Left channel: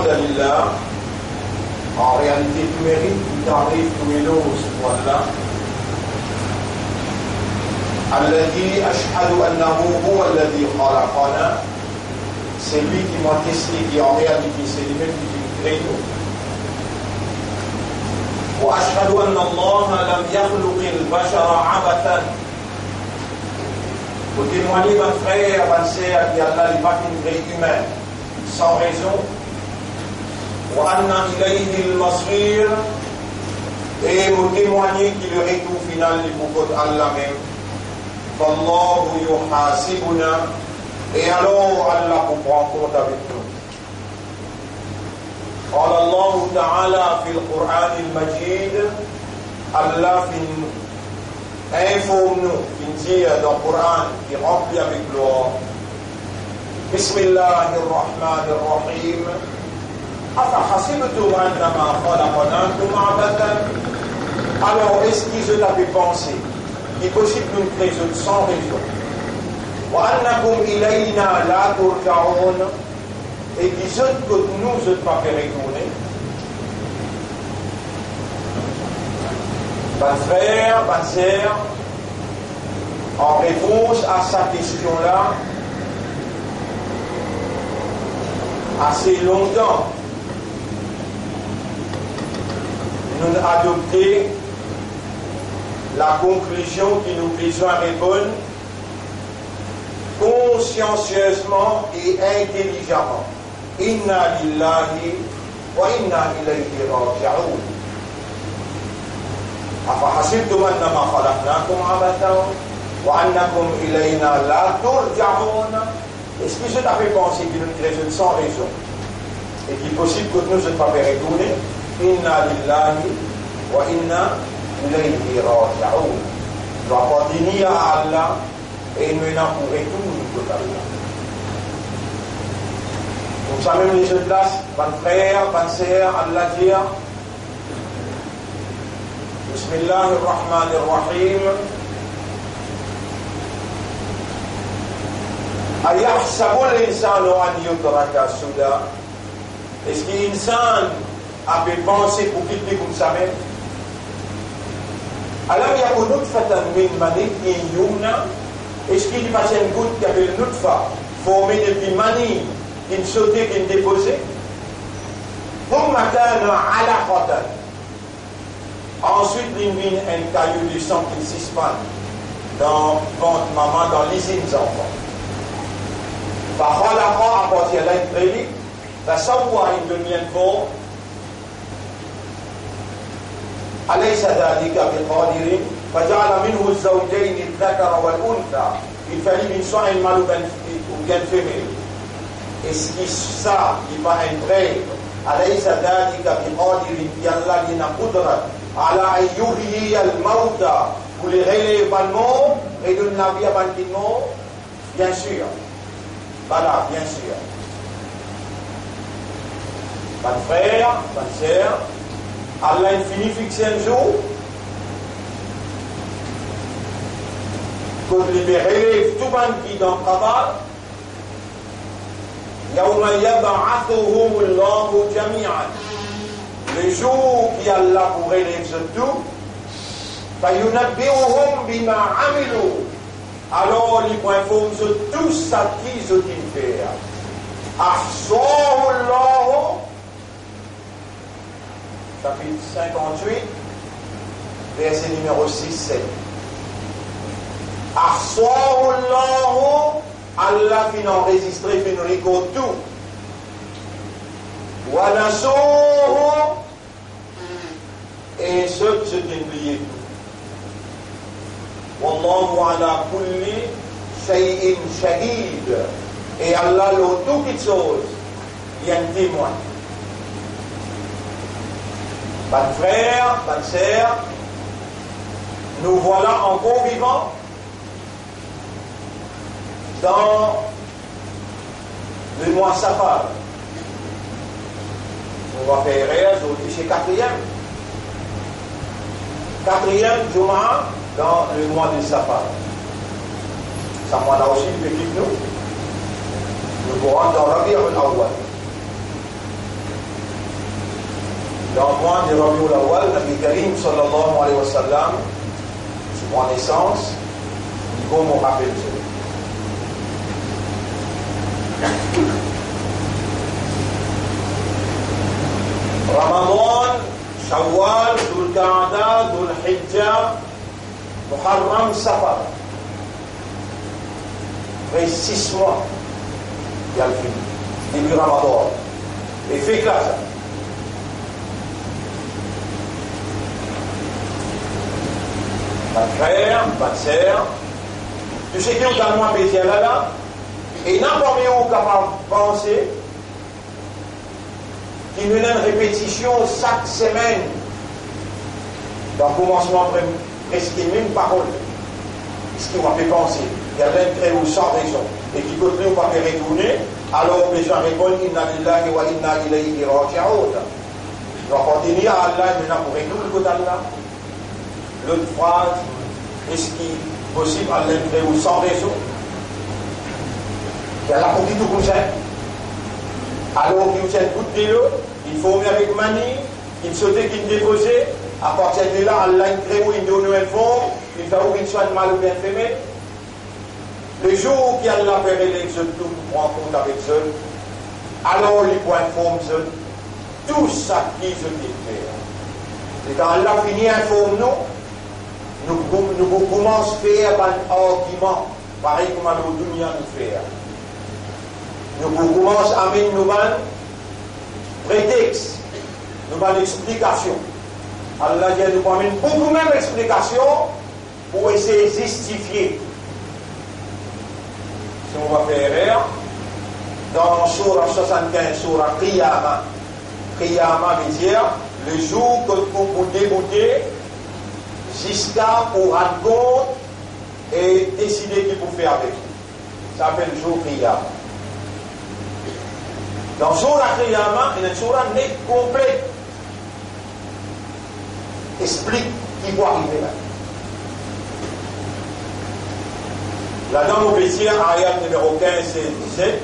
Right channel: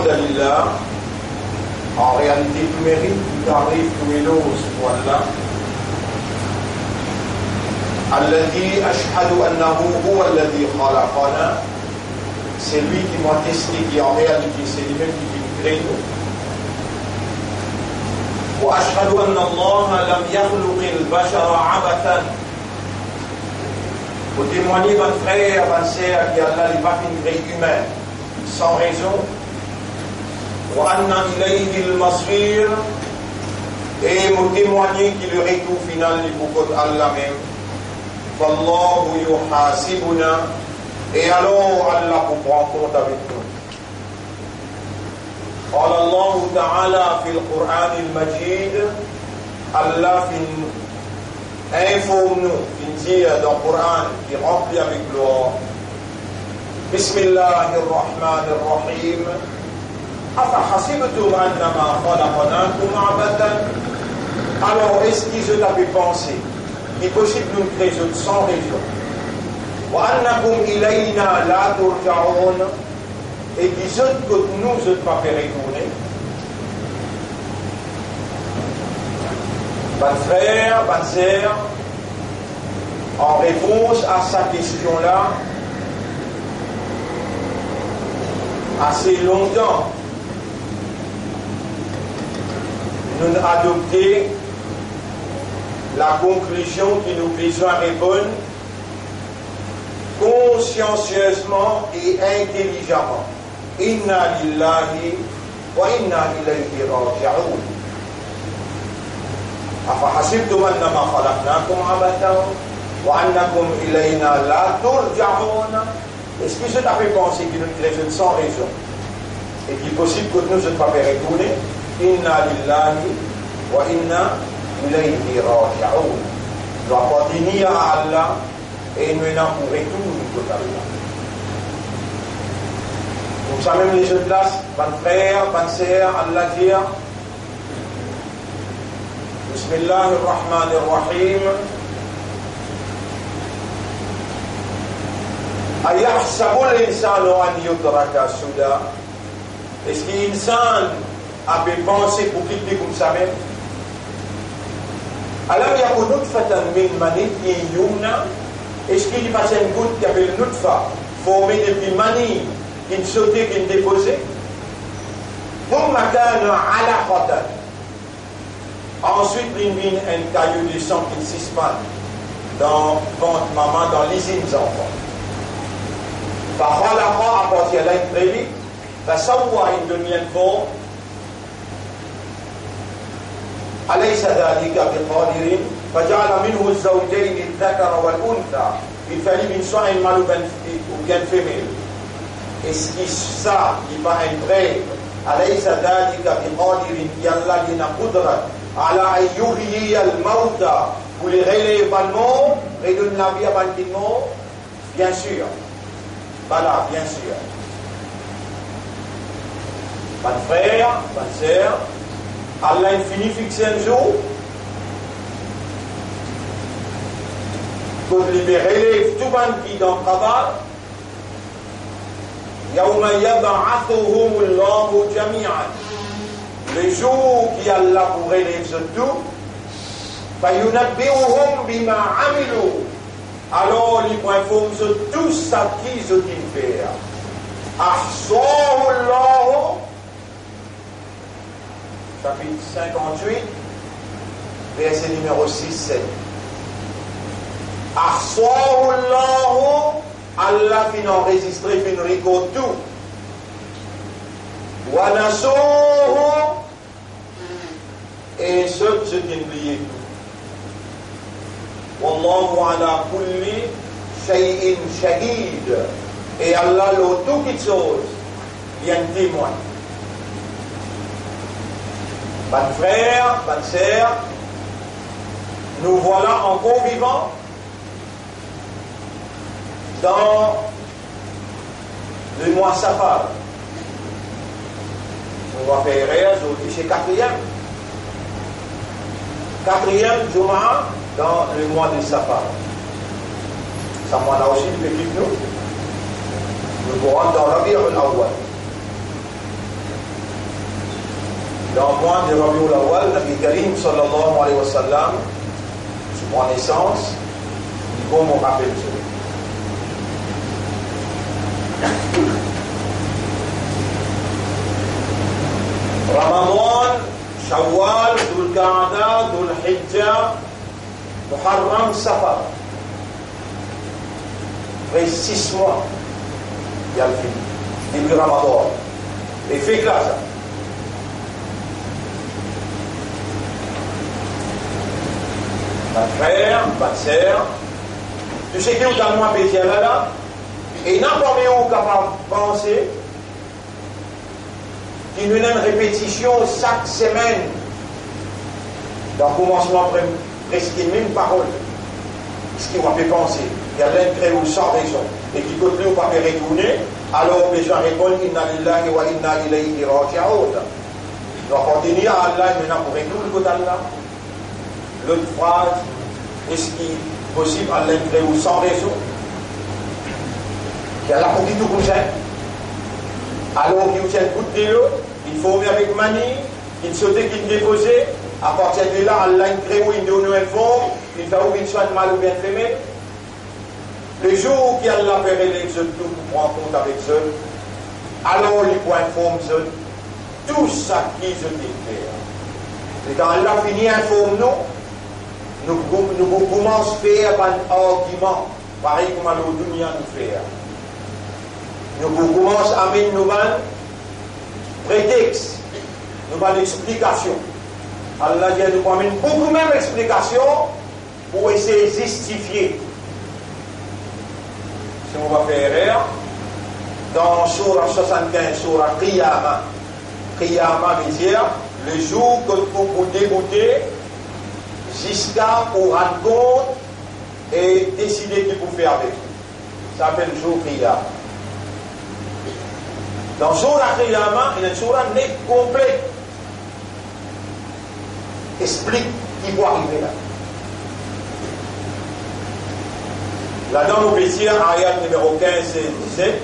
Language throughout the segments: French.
Alhamdulillah, en réalité, tout mérite, tout arrive, tout éloge, voilà. الذي أشهد أنه هو الذي خلقنا, c'est lui qui m'a testé, qui en réalité c'est lui-même qui nous crée nous. وأشهد أن الله لم يخلق البشر عبثا. Pour témoigner votre frère, votre sœur, qui Allah n'est pas qu'une créée humaine, sans raison. وأن إليه المصير, et vous témoigner qu'il le retour final du beaucoup d'Allah même. فالله يحاسبنا, et alors Allah vous prend compte avec nous. قال الله تعالى في القرآن المجيد, Allah informe-nous, dit dans le Coran qui remplit avec gloire. بسم الله الرحمن الرحيم أفحسبتم أنما خلقناكم عبثا. Alors est-ce qu'ils ont avait pensé qu'il est possible de nous créer sans raison, وأنكم إلينا لا ترجعون, et qu'ils ont que nous ne pas fait retourner. Bonne frère, bonne sœur, en réponse à sa question-là, assez longtemps, nous avons adopté la conclusion qui nous besoin répondre consciencieusement et intelligemment. Inna lillahi wa inna ilayhi raji'un. أفحسبتم أنما خلقناكم عبثا وأنكم إلينا لا ترجعون. Est-ce que je t'avais pensé qu'il nous raisonne sans raison et qu'il est possible que nous ne pas retourner? Inna lillahi wa inna ilayhi raji'un. Nous doit appartenir à Allah et nous n'en pourrons tout totalement. Donc ça même les jeunes places, bonne frère, bonne sœur, Allah dire بسم الله الرحمن الرحيم أيحسب الإنسان أن يترك سدى. Est-ce qu'un insan a pu penser pour quitter comme ça même? ألم يكن نطفة من مني يمنى. Est-ce qu'il y a une goutte qui avait une nutfa formée depuis mani, qui ne sautait, qui ne déposait? ثم كان علقة. Ensuite, il y a un caillou de sang qui s'espane dans ventre maman, dans l'usine des enfants. فخلق, à partir de là, il prédit, فسوى, il devient fort. أليس ذلك بقادر فجعل منه الزوجين الذكر والأنثى. Il fallait qu'il soit un mâle ou bien féminin. Est-ce que ça, il va entrer أليس ذلك بقادر يلا لنا قدرة على أن يحيي الموتى, pour les relever par le mort et donner la vie à partir de mort? Bien sûr. Voilà, bien sûr. Mon frère, ma sœur, Allah infini fixé un jour pour libérer tout le monde qui est dans le travail. يوم يبعثهم الله جميعا. Le jour qui Allah pour élever tout, فينبئهم بما عملوا. Alors ils vont informer sur tout ça qu'ils ont fait. أحصاه الله, chapitre 58, verset numéro 6-7. أحصاه الله, Allah fin enregistré, fin record tout. وَنَسُوهُ, et ceux qui ont oublié tout. وَاللَّهُ عَلَى كُلِّ شَيْءٍ شَهِيدٌ, et Allah le tout qui chose, il y a un témoin. Bonne frère, bonne sœur, nous voilà encore vivants dans le mois Safar. On va faire aujourd'hui chez quatrième Juma dans le mois de Safar. Ça mois-là aussi, le petit nous pourrons dans Rabi' al-Awwal. Dans le mois de Rabiul Awwal, Nabi Karim sallallahu alayhi wa sallam, sur mon naissance, il faut me rappeler ça. Ramadan, Shawwal, Dhul Qa'da, Dhul Hijjah, Muharram, Safar. Après 6 mois, il y a le film. Début Ramadan. Et fait que là, ça. Pas de frère, pas de sœur. Tu sais que dans le mois spécial là, et n'importe où capable de penser qu'il y a une répétition chaque semaine. Dans le commencement, presque les mêmes paroles. Ce qui m'a fait penser. Il y a l'intérêt ou sans raison. Et qui continue ou pas faire retourner, alors les gens répondent Inna lillahi wa inna ilayhi raji'un. Donc on dit à Allah maintenant pour retourner le côté d'Allah. L'autre phrase, est-ce qu'il est possible à l'intérêt ou sans raison? Il y a la pour qui tout comme ça. Alors qu'il tient coup de l'eau, il faut venir avec manie, il saute qu'il dépose. À partir de là, Allah crée ou il donne un fond, il fait ou il soit mal ou bien fait. Le jour où il a fait l'exode, tout pour prendre compte avec eux, alors les points forment tout ça qui se fait. Et quand Allah finit informe nous commençons à faire un argument, pareil comme à l'Odunia nous faire. Nous commençons à mettre nos prétextes, nos explications. Allah dit nous amène beaucoup même d'explications pour essayer de justifier. Si on va faire erreur, dans Surah 75, Surah Qiyamah, Qiyamah veut dire le jour que vous débouter jusqu'à pour rendre compte et décider qu'il faut faire avec vous. Ça s'appelle le jour Qiyamah. Dans Surah Qiyamah, il y a une surah nette complète. Explique qui va arriver là. Là-dedans, nous pouvons dire, ayat numéro 15 et 17,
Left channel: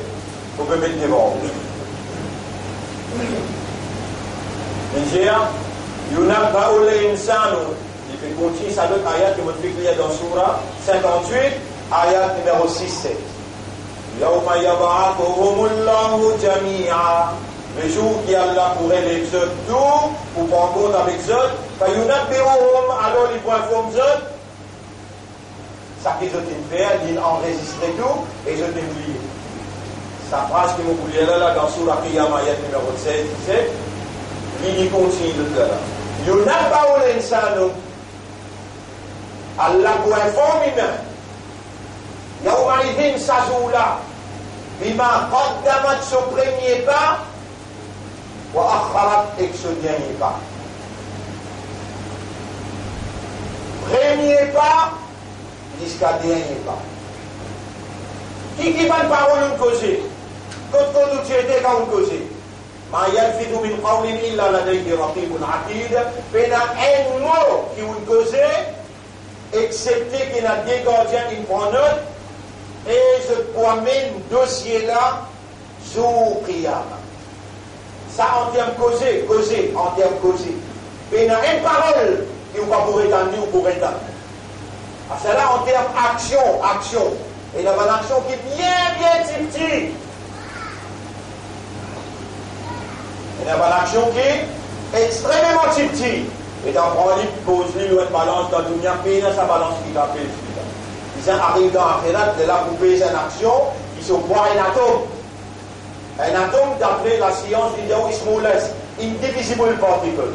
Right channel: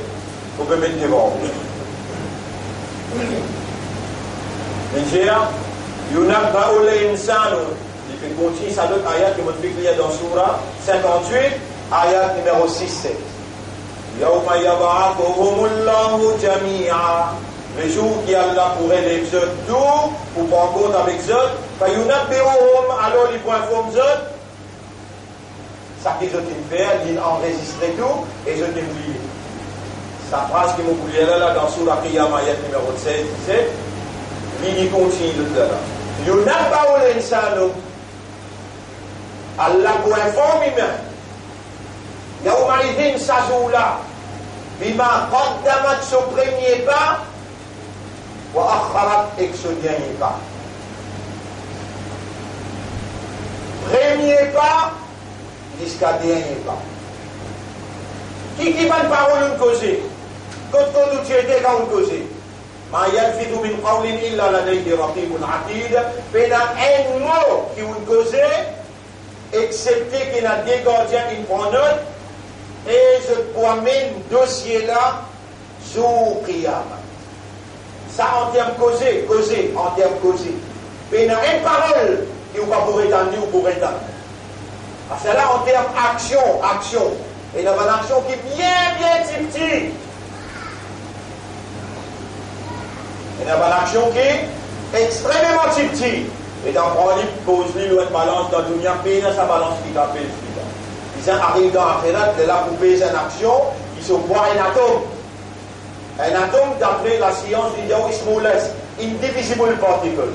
vous pouvez mettre devant. Il dit, Yunabba'u l'insanu. Il fait continuer ça d'autres ayat que vous pouvez lire dans Surah 58, ayat numéro 6-7. Yawma yab'athuhumullahu jami'a. Le jour qui Allah pourrait l'exode tout, pour prendre compte avec eux, Fayunabbi'uhum, alors il faut informer eux. Ça qu'ils ont fait, ils enregistrent tout, et ils ont oublié. Sa phrase qui m'a oublié là, dans Surah Qiyamah, ayat numéro 16, 17, il continue de là. Yunabba'u l'insanu. Allah pour informer même. Yawma idhin sajoula. Bima qaddamat son premier pas. Wa akharat et ce dernier pas. Premier pas jusqu'à dernier pas. Qui va une parole nous causer? Quand tu étais quand on causait. Ma yalfidu min qawlin illa ladayhi raqibun atid. Pena un mot qui vous causait, excepté qu'il y a des gardiens qui prennent note, et je promène dossier là sur Qiyamah. Ça en termes causés, en termes causés. Mais il y a une parole qui vous va pour étendre ou pour étendre. C'est là en termes action. Et il y a une action qui est bien petite. Il y a une action qui est extrêmement petite. Et dans le livre, pose-lui une balance dans le pays, sa balance qui t'appelle. Ils arrivent dans l'akhirat, de là pour payer une action, ils se voient un atome. Un atome, d'après la science, il y a smallest, indivisible particle.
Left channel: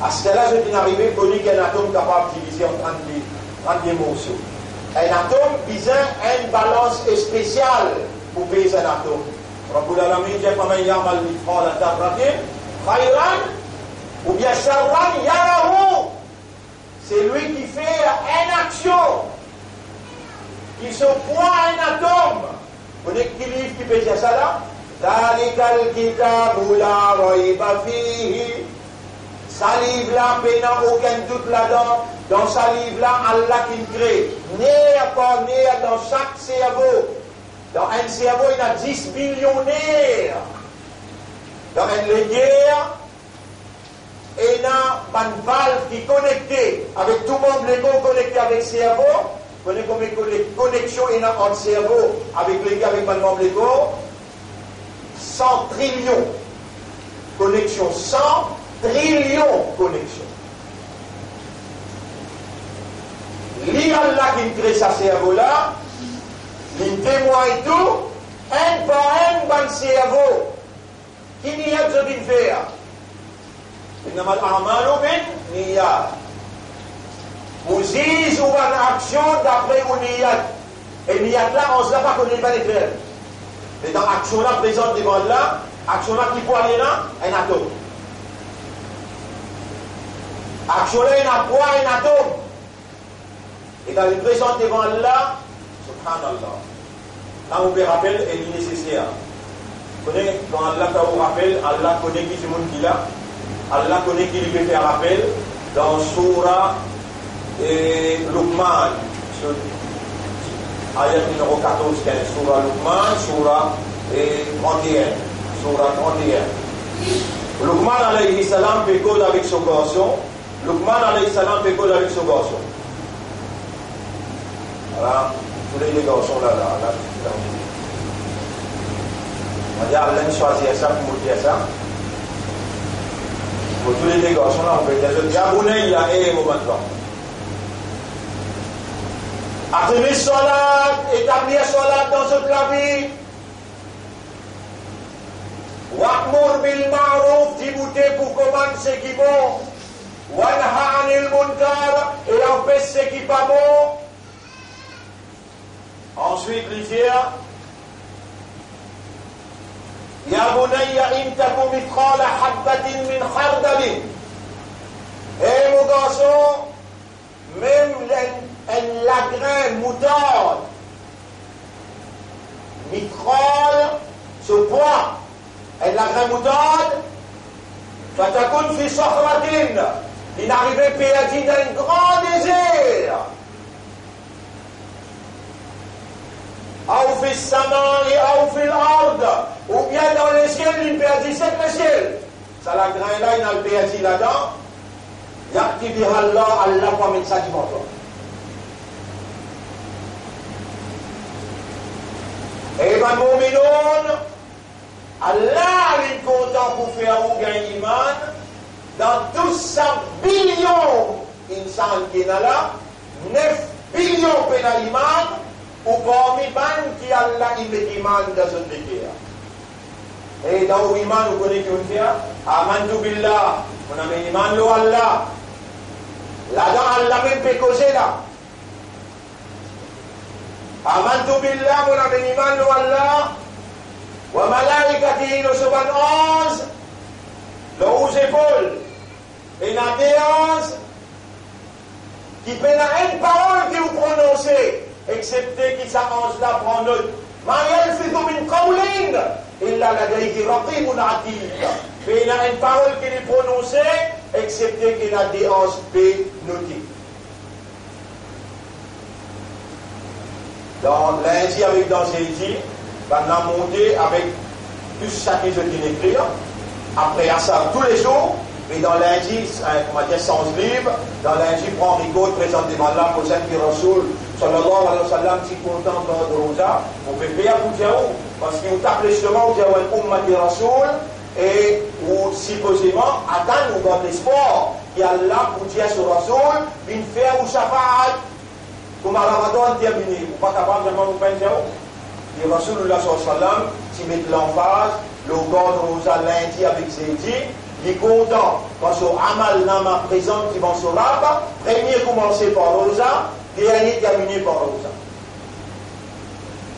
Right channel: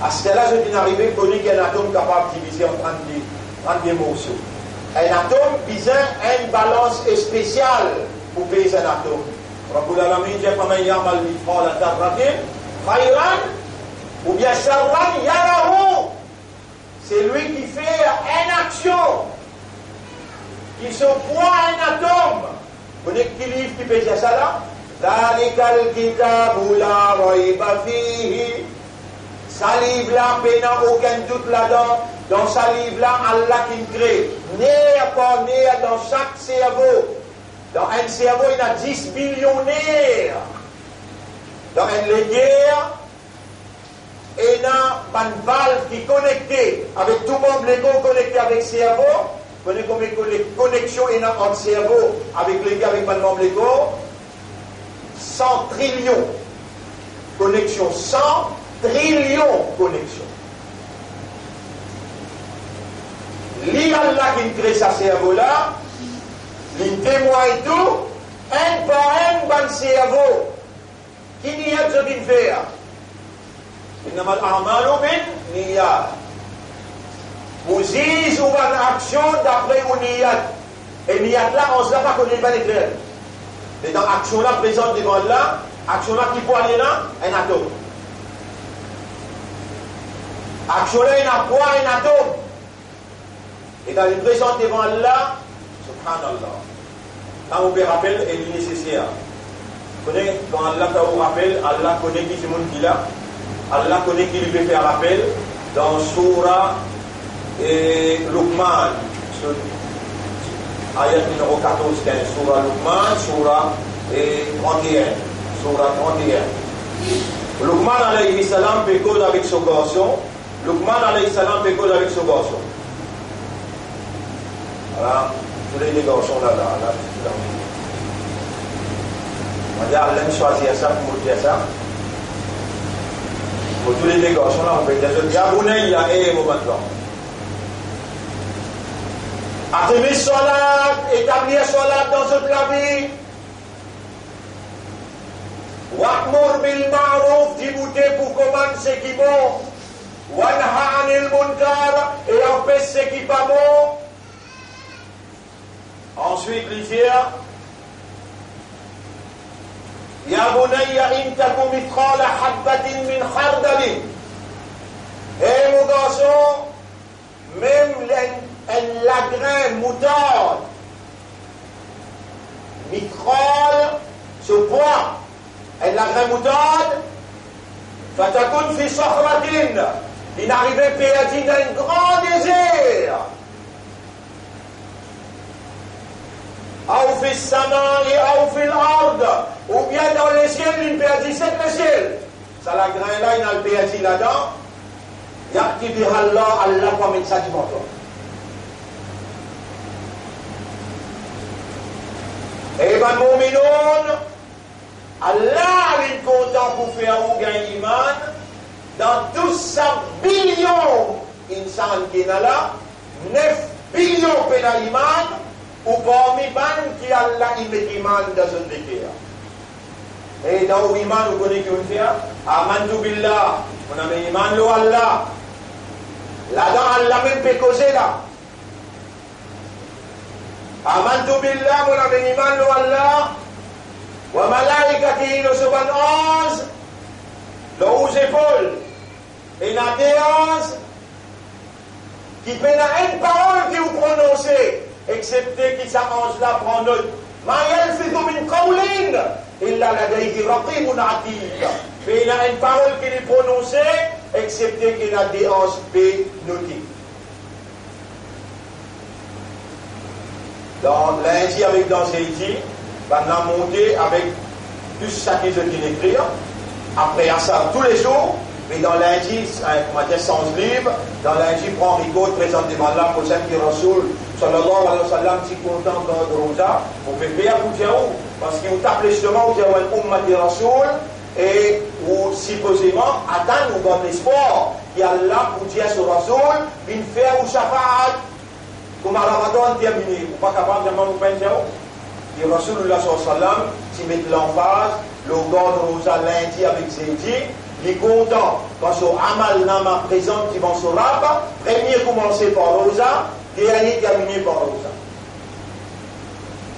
À ce là je viens d'arriver, connu qu'il y a un atome capable de diviser en 30 morceaux. Un atome, il a une balance spéciale pour payer un atome. Rabbul Alamin dit, faman ya'mal mithqala dharratin khayran ou bien sharran yarahu. C'est lui qui fait une action. Il se voit un atome. Vous voyez qui livre qui peut dire ça là? Dhalikal kitabu la rayba fihi. Ça livre là, il n'y a aucun doute là-dedans. Dans ça livre là, Allah qui crée. Né dans chaque cerveau. Dans un cerveau, il y a 10 millionnaires. Dans une guerre, et dans une valve qui est connectée avec tout le monde, l'ego connecté avec le cerveau. Vous connaissez combien de connexions il y a entre le cerveau avec l'ego, avec le membre l'ego? 100 trillions connexions, 100 trillions connexions. L'Allah qui crée ce cerveau-là, il témoigne tout, un par un, dans le cerveau. Qui n'y a ce qu'il fait? إنما الأعمال بالنيات. Vous dites ou une action d'après une niyat. Et niyat là, on ne sait pas qu'on n'est pas les faire. Mais dans l'action là, présente devant là, action là qui peut aller là, un atome. Action là, il a quoi, un atome. Et dans le présent devant là, subhanallah. Là, on peut rappeler, il est nécessaire. Vous connaissez, quand Allah vous rappelle, Allah connaît qui c'est mon qui là. Allah connaît qui lui peut faire rappel dans Surah et Luqman, ayat numéro 14-15, Surah Luqman, Surah 31, Surah 31. Luqman alayhi salam pécode avec son garçon. Luqman alayhi salam pécode avec son garçon. Voilà, tous les garçons là. On dit Allah choisir ça pour dire ça. Pour tous les garçons là, on peut dire Yabounay, il y a un moment là. Attemer salat, établir salat dans toute la vie. Wa'mur bil ma'ruf, dibouter pour commencer ce qui est bon. Wanha anil munkar, et empêcher ce qui n'est pas bon. Ensuite, l'hiver. يا بني إن تك مثقال حبة من خردل. Et mon garçon, même la graine moutarde, mithral, ce poids, et la graine moutarde, fatakun fi sahratin, il n'arrivait pas dans un grand désert. Ou fi samai, ou fi l'ard, ou bien dans le ciel, il perdit c'est le ciel. Ça la grain là, il a le perdit là-dedans. Yaqti biha Allah, Allah va mettre ça du menton. Et ben mu'minun, Allah il est content pour faire ou gagner iman. Dans tous ces billions d'insans qui sont là, 9 billions de iman. Ou parmi man qui Allah il met iman dans son décret. Et dans l'iman, vous connaissez qu'on fait Amantu billah, on a mis iman lo Allah. Là-dedans, Allah même peut causer là. Amantu billah, on a mis iman lo Allah. Wa malaikatihi lo suban 11, le 11 épaules. Et la déance, qui peut une parole que vous prononcez. Excepté qu'il s'avance là prend note. Ma yalfidu min qawlin illa ladayhi raqibun atid. Mais il y a une parole qui est prononcée, excepté qu'il a des hanches notées. Dans lundi avec dans Zédi, on a monté avec tout ça qui est écrit. Après à ça tous les jours. Mais dans lundi, on va dire sans livre, dans lundi, prend Rigaud, présente devant là, pour celle qui Rasoul, sallallahu alayhi wa sallam, si content dans le rosa, on peut payer pour dire où, parce qu'il tape justement, on dit un umma de Rasoul, et ou supposément, attendre ou dans l'espoir, qu'il y a là pour dire sur Rasoul, une faire ou shafa'at, comme à Ramadan terminé, ou pas capable de vous penser où. Et Rasoulullah sallallahu alayhi wa sallam, s'il met l'emphase, le gars de rosa lundi avec Zédi, il est content quand ce Amal Nama présente qui vont se rabat, premier commencer par Rosa, dernier terminé par Rosa.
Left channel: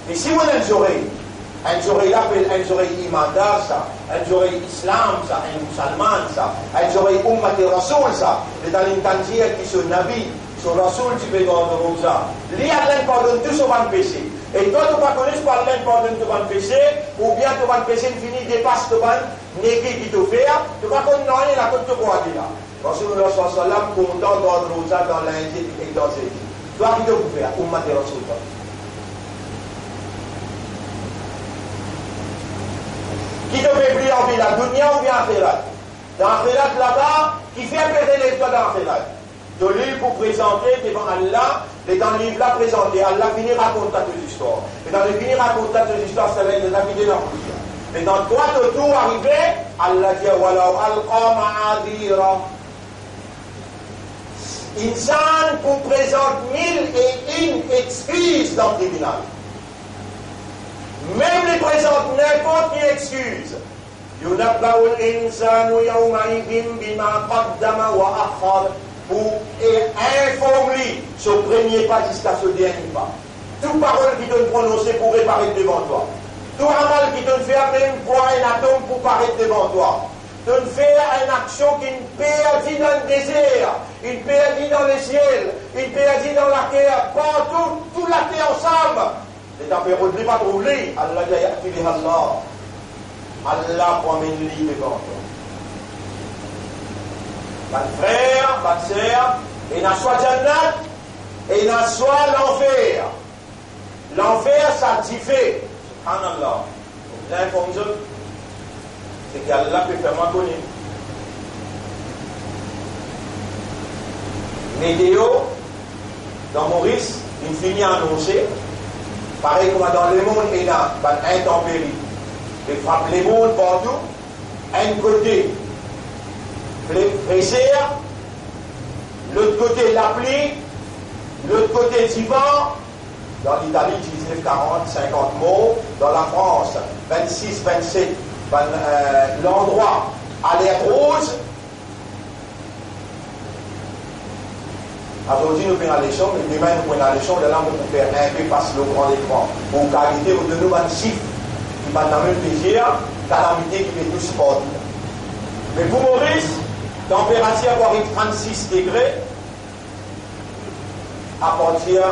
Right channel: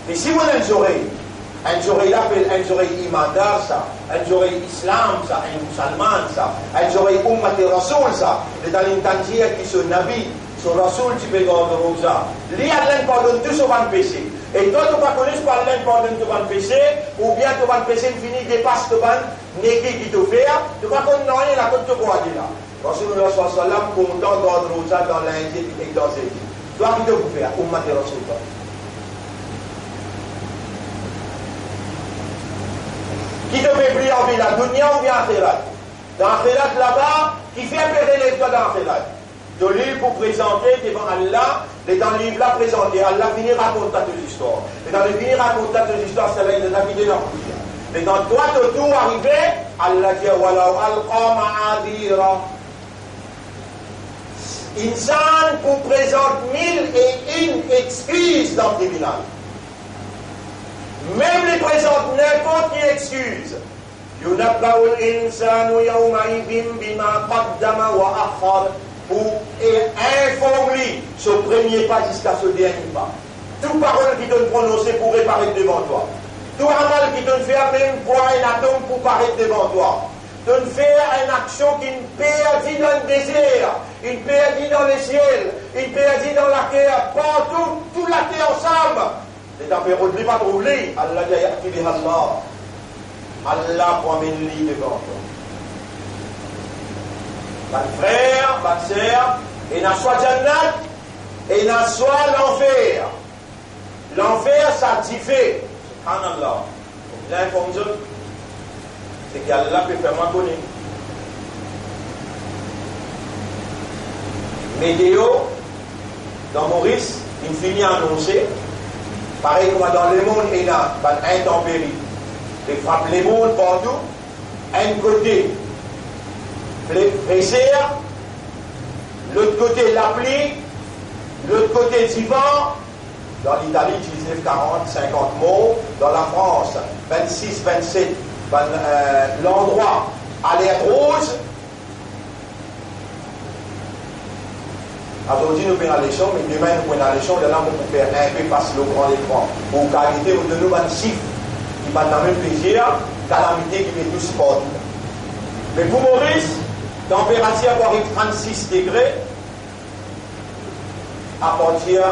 Mais si vous avez une oreille l'appelle une oreille imandar ça, une oreille islam ça, un musulman ça, une oreille ummat et rasoul ça, c'est dans l'intention qui se nabi, sur rasoul tu peux garder Rosa. Lui Allah pardonne tout son péché. Et toi tu ne connais pas Allah pardonne tout son péché, ou bien tout son péché fini dépasse tout son négué qui te fait, tu vas connaître rien la côte de quoi là. Rasulullah sallallahu alayhi wa sallam content d'ordre Rosa dans l'Indie et dans ses vies. Toi qui te fais, ummat et rasoul. Qui te fait briller en vie, la dunya ou bien akhirat? Dans akhirat là-bas, qui fait pérer les doigts dans la de livre pour présenter devant Allah, et dans le livre là présenté, Allah finit raconte toute l'histoire. Et dans le finir raconte toute l'histoire, c'est là qu'il a quitté leur poussière. Et dans toi de tout arrivé, Allah dit Walau alqa ma'adira. Insan vous présente 1001 excuses dans le tribunal. Même les présente n'importe quelle excuse. Yunabba'u al-insanu yawma'idhin bima qaddama wa akhar. Pour informer ce premier pas jusqu'à ce dernier pas. Toute parole qui te prononcer pour réparer devant toi. Tout amal qui te fait même poids un atome pour paraître devant toi. De faire une action qui ne perdit dans le désert, une perdit dans le ciel, une perdit dans la terre, partout, tout la terre ensemble. Les températures ne pas trouver. Allah dit Allah. Allah promène lui devant toi. Mon frère, ma sœur, et n'a soit Jannat, et n'a soit l'enfer. L'enfer, ça diffère. Subhanallah. Vous avez informé, c'est qu'Allah peut faire moins connu. Météo, dans Maurice, une finit annoncée, pareil comme dans le monde, il y a une intempérie. Il frappe les mondes partout, un côté. Pressé, l'autre côté la pluie, l'autre côté du vent. Dans l'Italie, 19, 40, 50 mots. Dans la France, 26, 27. L'endroit à l'air rouge. Aujourd'hui, nous prenons la leçon, mais demain, nous prenons la leçon. De là, on peut faire un peu passer le grand écran. Pour qualité, vous donnez un chiffre qui va dans le même plaisir, calamité qui fait tous partout. Mais pour Maurice, température arrive 36 degrés à partir,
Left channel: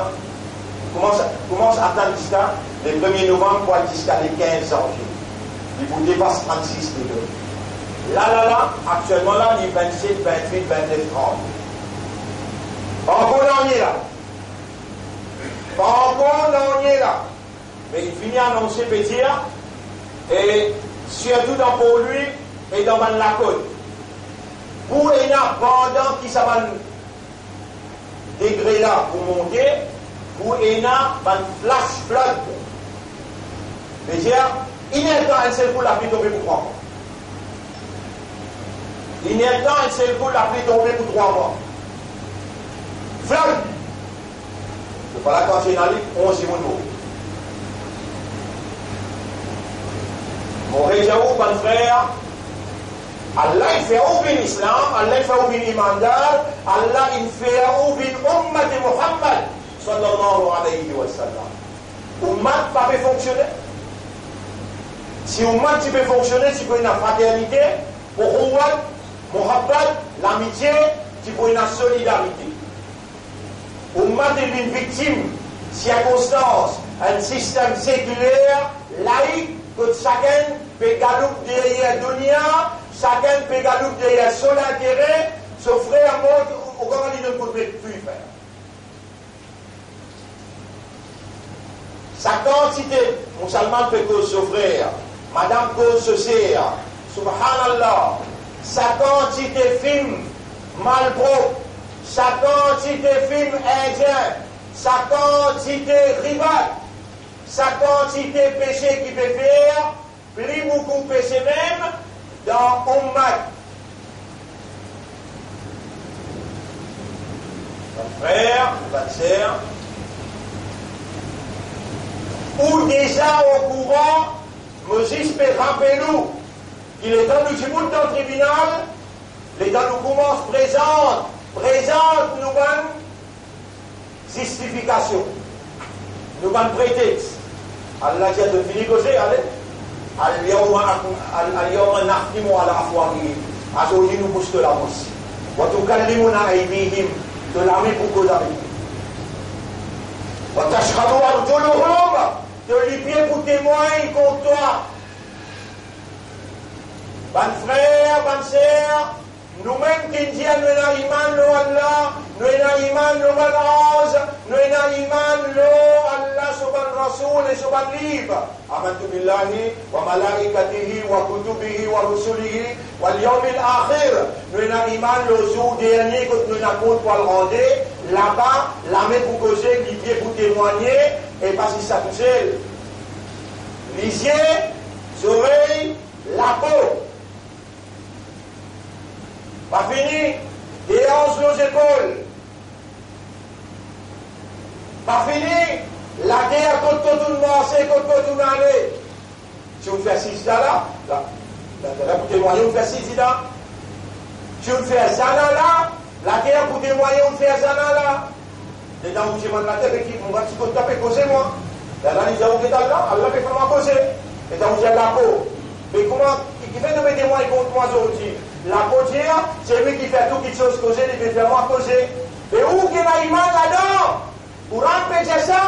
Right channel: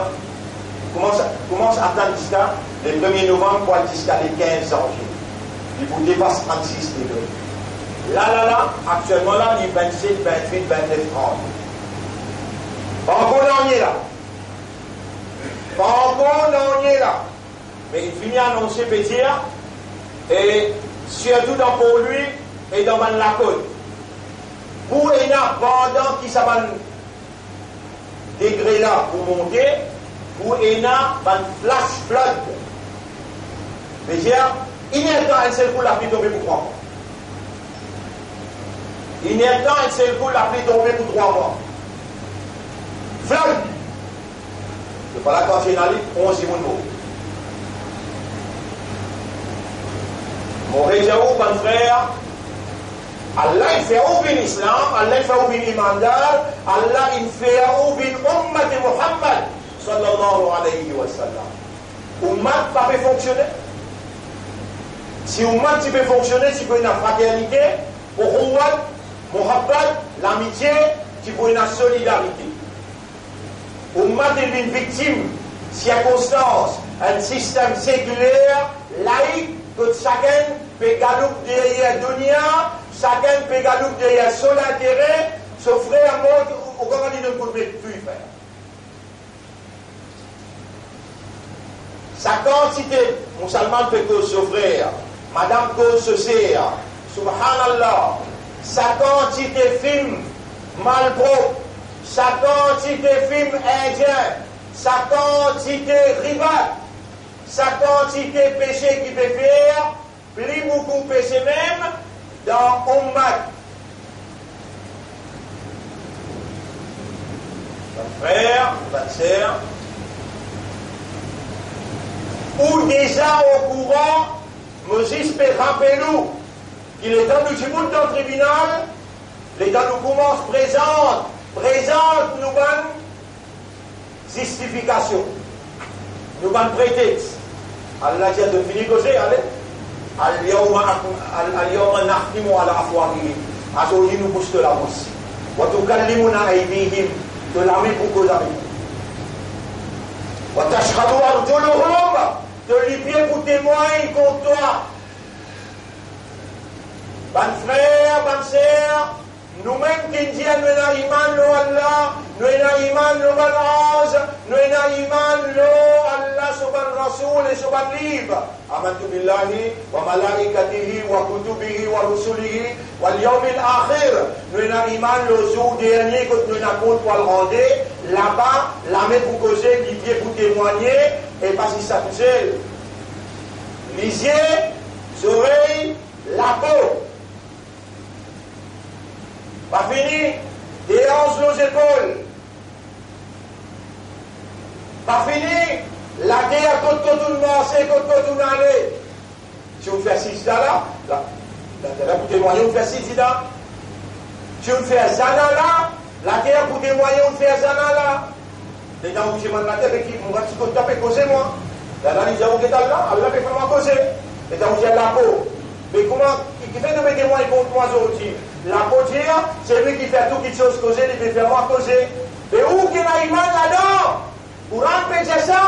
commence à attendre jusqu'à le 1er novembre pour aller jusqu'à le 15 janvier. Il vous dépasse 36 degrés. Là, actuellement là, il est 27, 28, 29, 30. Pas encore on y est là. Pas encore on y est là. Mais il finit à annoncer petit, et surtout dans pour lui et dans la côte. Pour Ena, pendant qu'il s'en degré là pour monter, pour Ena, un flash flood. C'est-à-dire, il n'est pas un seul coup la pluie tombée pour 3 mois. Il n'est pas un seul coup la pluie tombée pour 3 mois. Flood. C'est pas la quand c'est dans l'île, 11 mots. Mon réseau, mon frère, Allah il fait ouvrir l'islam, Allah il fait ouvrir l'imandar, Allah il fait ouvrir l'ummat de Muhammad sallallahu alayhi wa sallam. Ummat pas peut fonctionner. Si ummat tu peux fonctionner, tu peux une fraternité, Uhuwat, Muhabbat, l'amitié, tu peux une solidarité. Ummat est une victime, circonstance, un système séculaire, laïque, que chacun peut gagner derrière dunya, chacun peut gagner derrière son intérêt, s'offrir à mode au comment il ne peut plus faire. Sa quantité, musulman peut que s'offrir, madame que se sert, subhanallah, sa quantité film malpropre, sa quantité film indien, sa quantité rival, sa quantité péché qui peut faire, plus beaucoup péché même, dans Ummat. Mon frère, ma sœur, ou déjà au courant, Moses peut rappeler nous qu'il est dans le monde dans le tribunal, les dans nous commence présente nous bonne justification, nous bonne prétexte. Allah dit de finir causer, allez. Al-yawma nahtimu ala afwahihim. Aujourd'hui nous pousse de la bouche. Wa tukallimuna aydihim, de la main pour cause avec. Wa tashhadu arjuluhum, de les pieds pour témoigner contre toi. Ban frère, ban sœur, nous-mêmes qui disons nous avons iman lo Allah, nous avons iman lo Allah, nous avons iman lo Allah سبحان رسول سبحان ليب آمنت بالله وملائكته وكتبه ورسله واليوم الآخر. Nous avons iman le jour dernier que nous avons pour le rendre. Là-bas, la main pour causer, qui vient pour témoigner, et pas si ça touche. Les yeux, les oreilles, la peau. Pas fini. Des hanches, nos épaules. Pas fini. La guerre contre tout le monde, c'est contre tout le monde. Si on fait 6 là, là, pour témoigner, on fait 6 là. Si on fait Zana là, la guerre pour témoigner, on fait Zana là. Les gens où j'ai mal la tête, on va se taper causer moi. Là, ils ont là, Allah fait comment causer. Les gens où j'ai la peau. Mais comment, qui fait de mes témoins contre moi aujourd'hui? La peau, c'est lui qui fait tout quelque chose causer, il fait faire moi causer. Mais où qu'il y a iman là-dedans? Pour empêcher ça?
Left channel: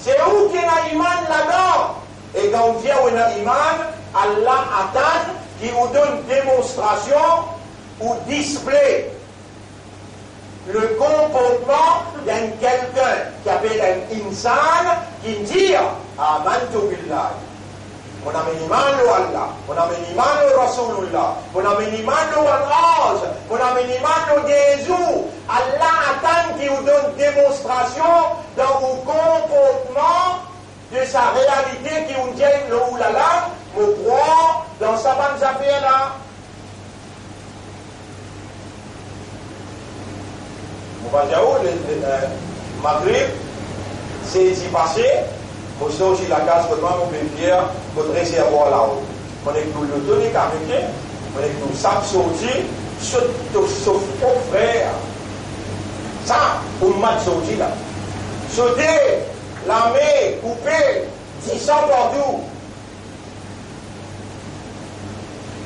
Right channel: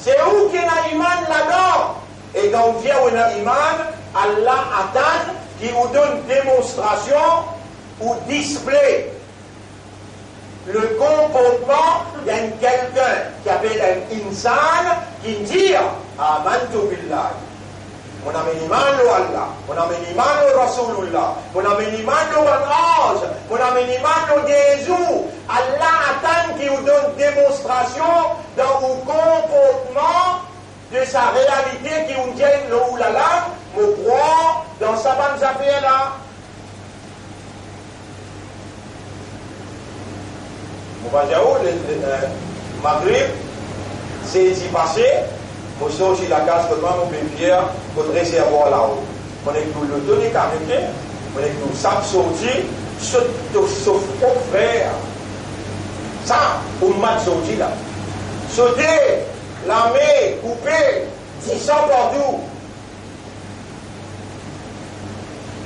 C'est où qu'il y a iman là-dedans? Et quand on vient où il y a iman, Allah attend qui vous donne démonstration ou display le comportement d'un quelqu'un qui appelle un insan qui dit Amantu billah. On a mis iman au Allah, on a mis iman au Rasulullah, on a mis iman au ange, on a mis iman au Jésus. Allah attend qui vous donne démonstration dans vos comportements de sa réalité qui vous dit le oulala, me croit dans sa bonne affaire là. On va dire où le Maghrib, c'est ici passé. Pour ça aussi la case que moi, mon père, votre réservoir là-haut. On est tout le tonique américain, on est tout ça sorti, sauf au frère. Ça, on m'a sorti là. Sauter, l'armée, couper, 10 ans partout.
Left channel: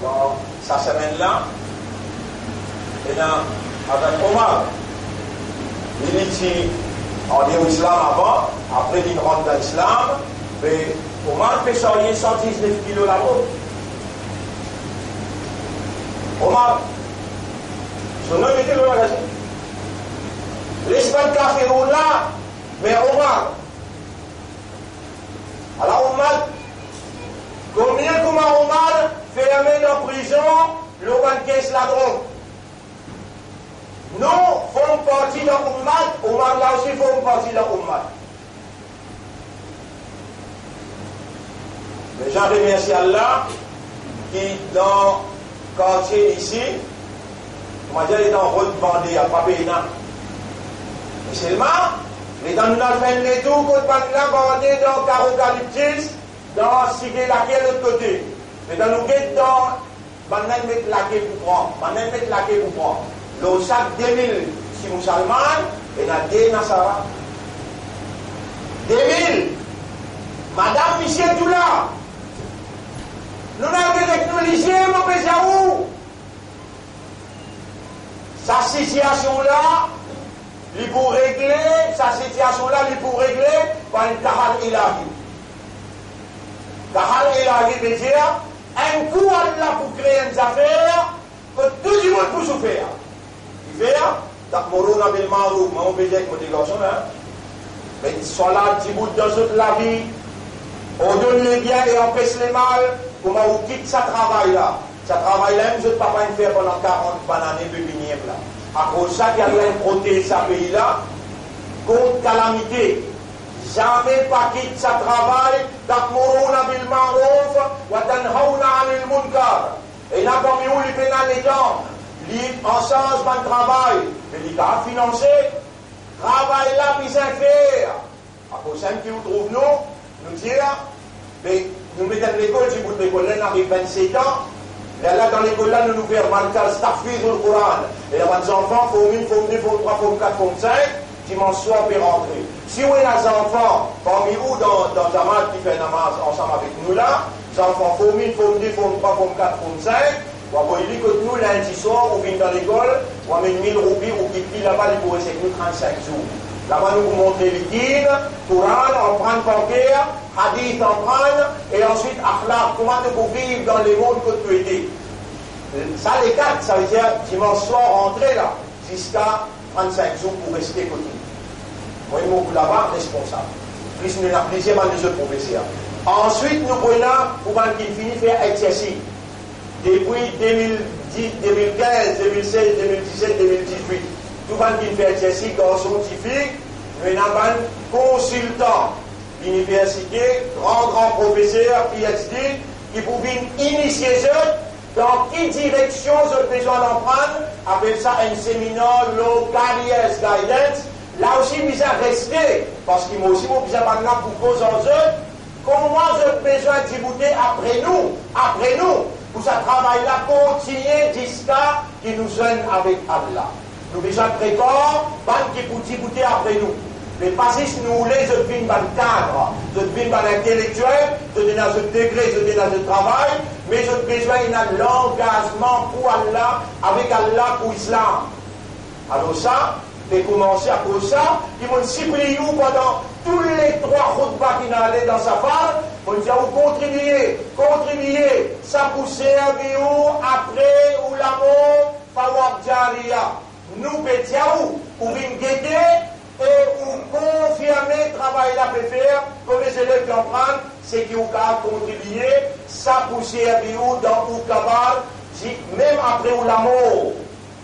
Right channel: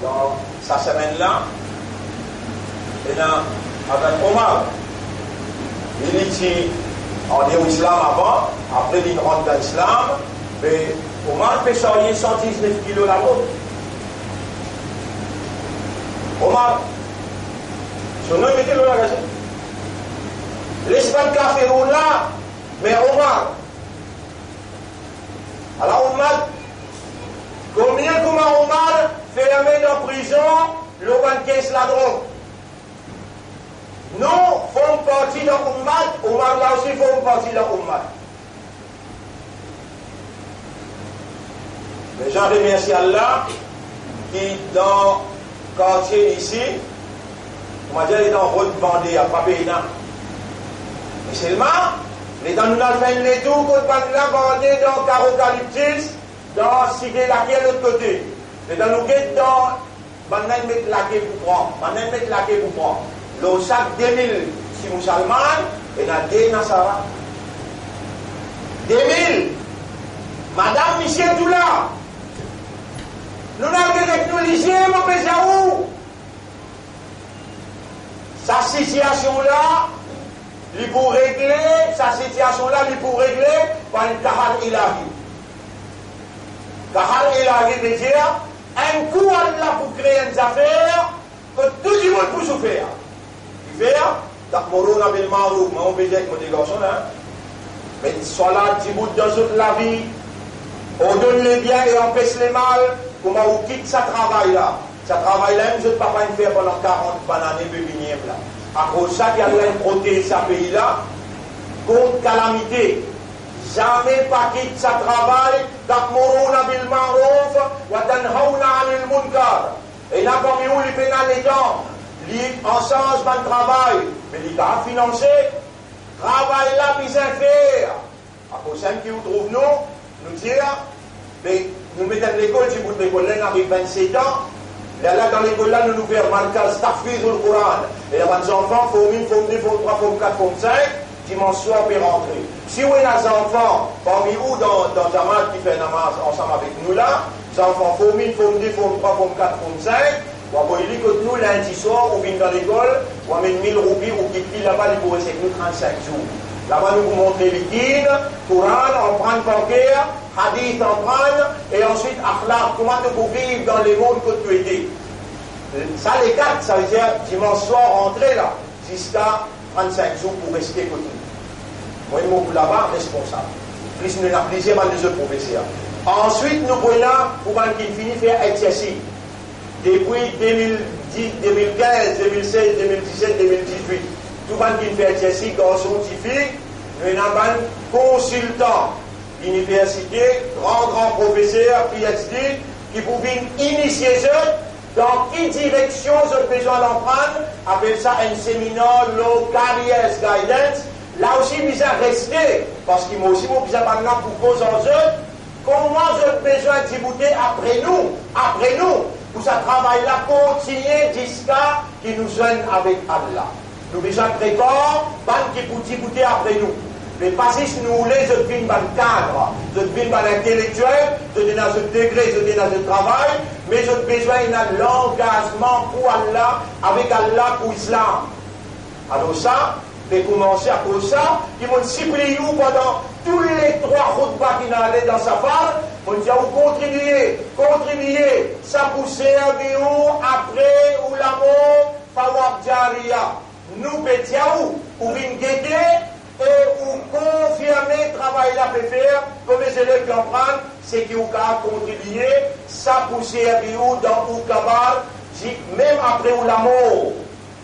Dans sa semaine-là, et là, avec Omar, il était en l'islam avant, après il rentre dans l'islam, mais Omar fait sortir 119 kilos la route. Omar, son nom était le magasin. L'Espagne café roule là, mais Omar. Alors Omar, combien Omar fait la main en prison, le banquet la drogue. Nous faisons partie de l'Ummat, Omar là aussi faisons partie de l'Ummat. Mais j'en remercie Allah qui, dans le quartier ici, on va dire, il est en route bandée à Papéina. Et seulement, les gens nous ont fait les tours contre Papéina bandée dans Carocalyptis, dans Cité laquelle de l'autre côté. Les gens nous guettent dans Banan met laqué pour prendre. Banan met laqué pour prendre. Le sac 2000 si musulman et la des Nasara. 2000. Madame Michel Doula. Nous n'avons avec nous lycée, mon Béjaou. Sa situation-là, il pour régler, sa situation-là, il pour régler par une Kahal Ilahi. Kahal Ilahi veut dire un coup Allah pour créer une affaire que tout le monde peut souffrir. Faire, ta'muruna bil ma'ruf, mais on peut dire que les garçons, mais soit là, petit bout dans toute la vie, on donne les biens et on empêche les mal, comment on quitte ça travail là. Ça travail là, je ne peux pas faire pendant 40 années de venir là. À cause de ça, il y a protéger ce pays là, contre calamité. Jamais pas quitte ça travail, ta'muruna bil ma'ruf, wa tanhauna 'anil munkar. Et là, parmi où les pénales les temps, en sens de travail, mais il a financé, travail là, puis à faire. À cause de qui nous trouve nous dire, mais nous mettons l'école, si vous l'école là, avec 27 ans, et là, dans l'école là, nous faisons marquage, tafsir le Coran. Et là, les enfants, forme 1, forme 2, forme 3, forme 4, forme 5, dimanche soir, puis rentrer. Si vous avez des enfants, parmi vous, dans Zamal, qui fait namaz ensemble avec nous là, les enfants, forme 1, forme 2, forme 3, forme 4, forme 5, il dit que nous, lundi soir, on vient dans l'école, on amène 1000 roupies, on quitte là-bas, il pourrait rester nous 35 jours. Là-bas, nous vous montrons liquide, Coran, on prend bancaire, hadith, on prend, et ensuite, akhlaq, comment tu peux vivre dans les mondes que tu étais. Ça, les 4, ça veut dire dimanche soir, rentrer là, jusqu'à 35 jours pour rester côté. Moi, je suis là-bas responsable. Plus nous avons plusieurs des autres professeurs. Ensuite, nous prenons pour qu'il finisse faire exercice. Depuis 2010, 2015, 2016, 2017, 2018, tout le monde qui fait exercice dans scientifique, nous avons un consultant d'université, grand professeur, PhD, qui pour initier eux dans quelle direction ils ont besoin d'en prendre, appelle ça un séminaire Low Careers Guidance. Là aussi, ils ont resté, parce qu'ils m'ont aussi besoin maintenant pour cause en eux, comment ils ont besoin d'y après nous, pour ça travail-là continuer jusqu'à qui nous gêne avec Allah. Nous avons besoin de préparer, qui pour d'y après nous. Mais pas si nous les autres vignes dans le cadre, les autres vignes dans l'intellectuel, les autres dans le degré, les autres dans le travail, mais les autres besoin d'un l'engagement pour Allah, avec Allah pour l'islam. Alors ça, c'est commencer à cause ça, ils vont supplier nous pendant tous les 3 khutbahs qui n'allaient dans sa femme, on dit à vous contribuer, ça pour servir après ou l'amour, fawab jariya. Nous pétiaou, ou une guetter, et ou confirmer le travail là peut faire, comme les élèves comprennent, c'est qu'ils ont contribué, ça pour servir dans ou kabar, même après ou l'amour.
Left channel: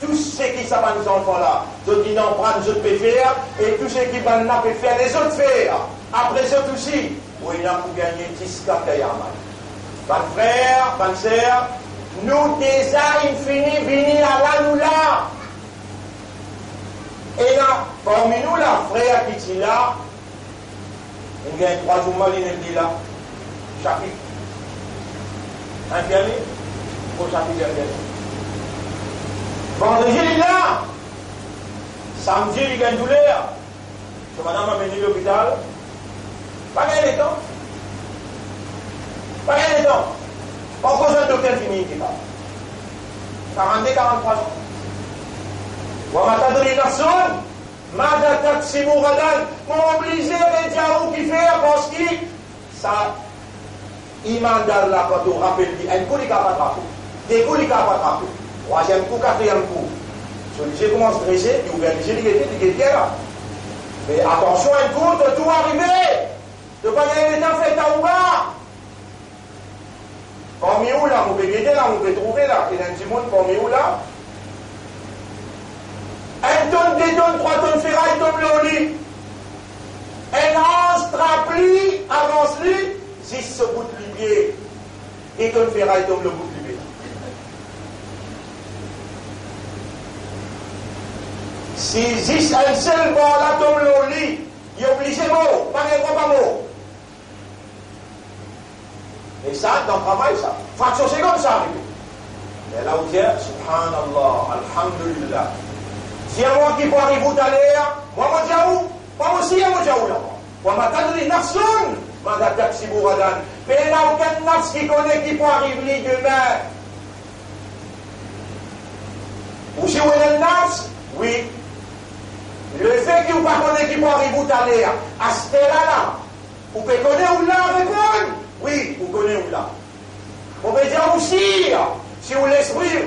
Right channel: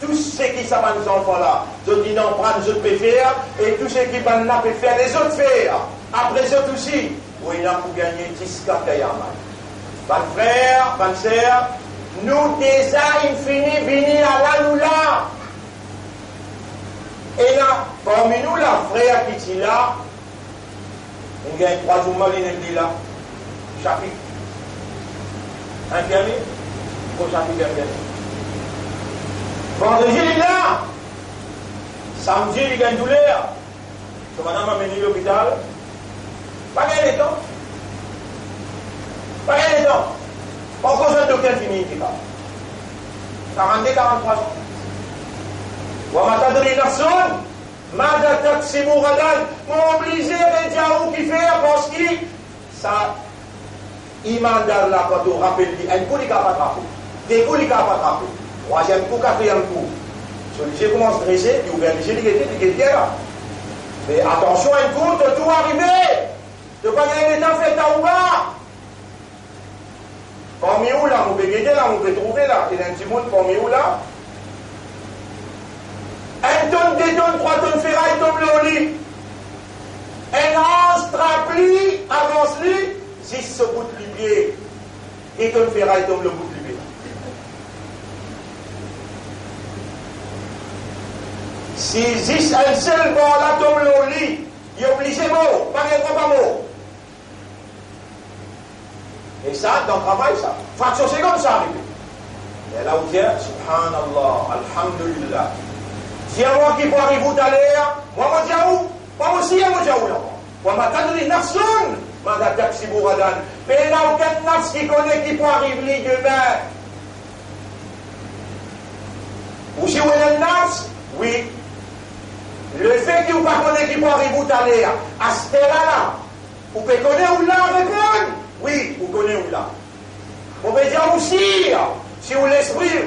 Tout ce qui savent nos enfants là, ceux qui n'en prennent, les autres peuvent faire, et tout ce qui n'en peuvent faire, les autres faire. Après les autres aussi, oui, il y a pour gagner 10 cas Kayaman. Ban frère, ban sœur, nous déjà infini venir à la nous là. Et là, parmi nous, la frère qui est là, il y a 3 jours, il est là, chapitre. Infirmier, pour chapitre infirmier. Vendredi, il est là. Samedi, il y a une douleur. Que madame a mené à l'hôpital. Pas gagné le temps. Pas gagné le temps. Pas cause d'un docteur fini qui parle. 42, 43 ans. Wa matadri nafsun, mada taksimu gadan. M'obligé les diaou qui fait parce que ça, iman dar la quand on rappelle, un coup, il n'a pas attrapé. Des coups, il n'a pas attrapé. 3e coup, 4e coup. Celui-ci commence à dresser, il ouvre les yeux, il est là. Mais attention, un coup, de tout arriver. De pas gagner les temps fait à ou bas. Parmi où là, on peut guetter là, on peut trouver là. Il y a un petit monde parmi où là. 1 tonne, 2 tonnes, 3 tonnes ferraille tombe le lit. Un ange trapli, avance-lui, 10 se bout de pied. 2 tonnes ferraille tombe le bout de pied. Si 10 un seul bon là tombe le lit, il est obligé mot, pas un pas mot. Et ça, dans le travail, ça. Fraction seconde, ça arrive. Et là, vous dites, subhanallah, alhamdulillah. Si à moi qui peut arriver tout à l'heure, moi, je dis où? Moi aussi, moi, je dis où là? Moi, je dis, nafsun, je dis, taxi bouradan. Mais il n'y a aucun nafs qui connaît qui peut arriver demain. Ou si vous avez un nafs, oui. Le fait que vous ne connaissez pas qui peut arriver tout à l'heure, à ce là, vous pouvez connaître où là répondre? Oui, vous connaissez où là. Vous pouvez dire aussi, si vous l'esprit,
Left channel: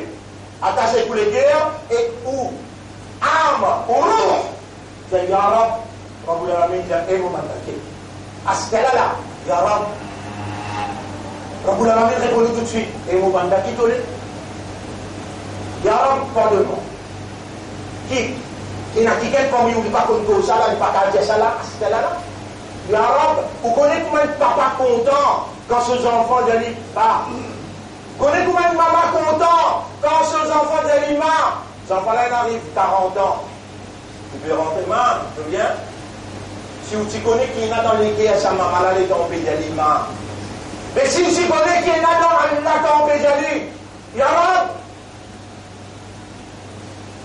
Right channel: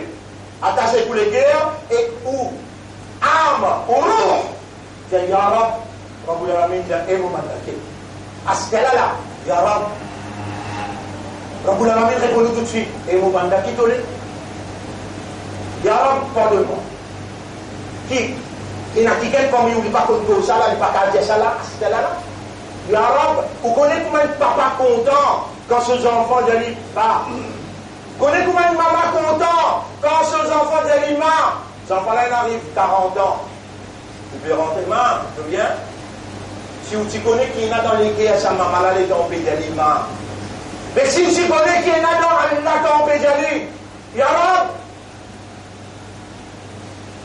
attachez tous les cœurs, et où âme, ou roh, c'est Ya Rab, Rabbul Alamin, et vous m'attaquez. À ce là, Ya Rab, Rabbul Alamin répond tout de suite, et vous m'attaquez tous les. Ya Rab, pardonne-moi. Qui? Il y a quelqu'un parmi vous qui ne pas contre ça, il n'y a pas qu'à dire ça là, à ce là. Ya Rab, vous connaissez combien de papa content quand ses enfants disent pas. Vous connaissez combien de maman content quand ses enfants disent ma. Ces enfants-là, ils arrivent 40 ans. Tu peux rentrer, maman, tu viens. Si tu connais qu'il y en a dans les quais, sa maman, là, les tombés de ma. Mais si tu connais qu'il y en a dans la tombée de Ya Rab,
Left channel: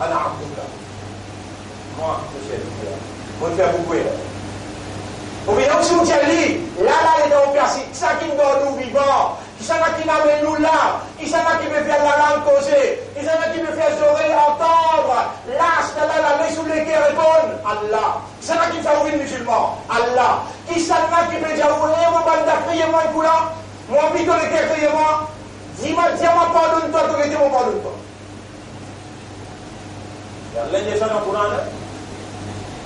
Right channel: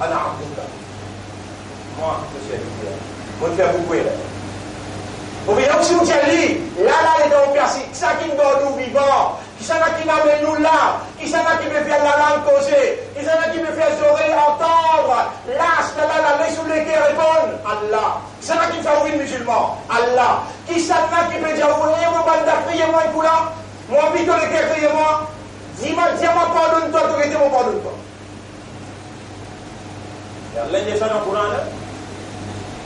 Ana Abdullah. Moi, je sais, moi, je fais beaucoup. Ou bien si vous dites, là, les gens qui ça qui nous vivants, qui sont là qui n'amènent nous là, qui sont là qui me fait la langue causer, qui sont là qui me fait les oreilles entendre, là, les sous les qui répondent, Allah. Qui sont là qui me fait ouvrir musulman, Allah. Qui sont là qui me dit, vous bande criez-moi un coup là, moi, pique le cœur, criez-moi, dis-moi, pardonne-toi, tu dis-moi, pardonne-toi. Il y a l'un des gens dans le Coran là.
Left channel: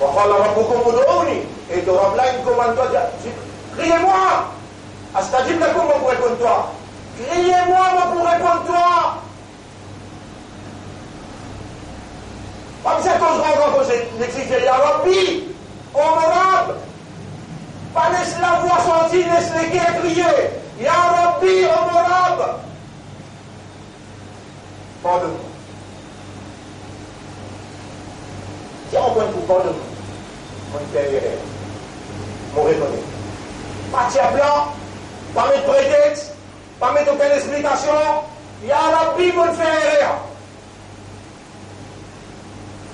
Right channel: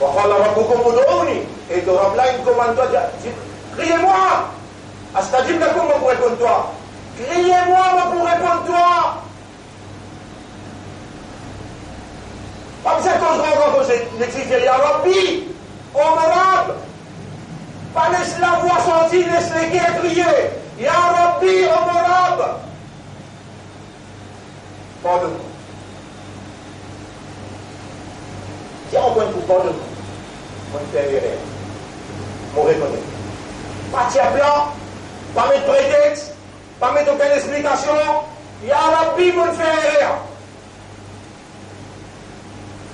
وقال ربكم ادعوني et ton Rab là il commande toi criez-moi astajib lakum pour répondre toi criez-moi pour répondre toi comme ça quand je rencontre l'exiger ya Rabbi honorable pas laisse la voix sortir laisse les guerres crier ya Rabbi honorable pardonne-moi tiens au point pour pardonne-moi mon père erreur mon reconnaître pas de plan pas mettre prétexte pas mettre aucune explication ya Rabbi mon père erreur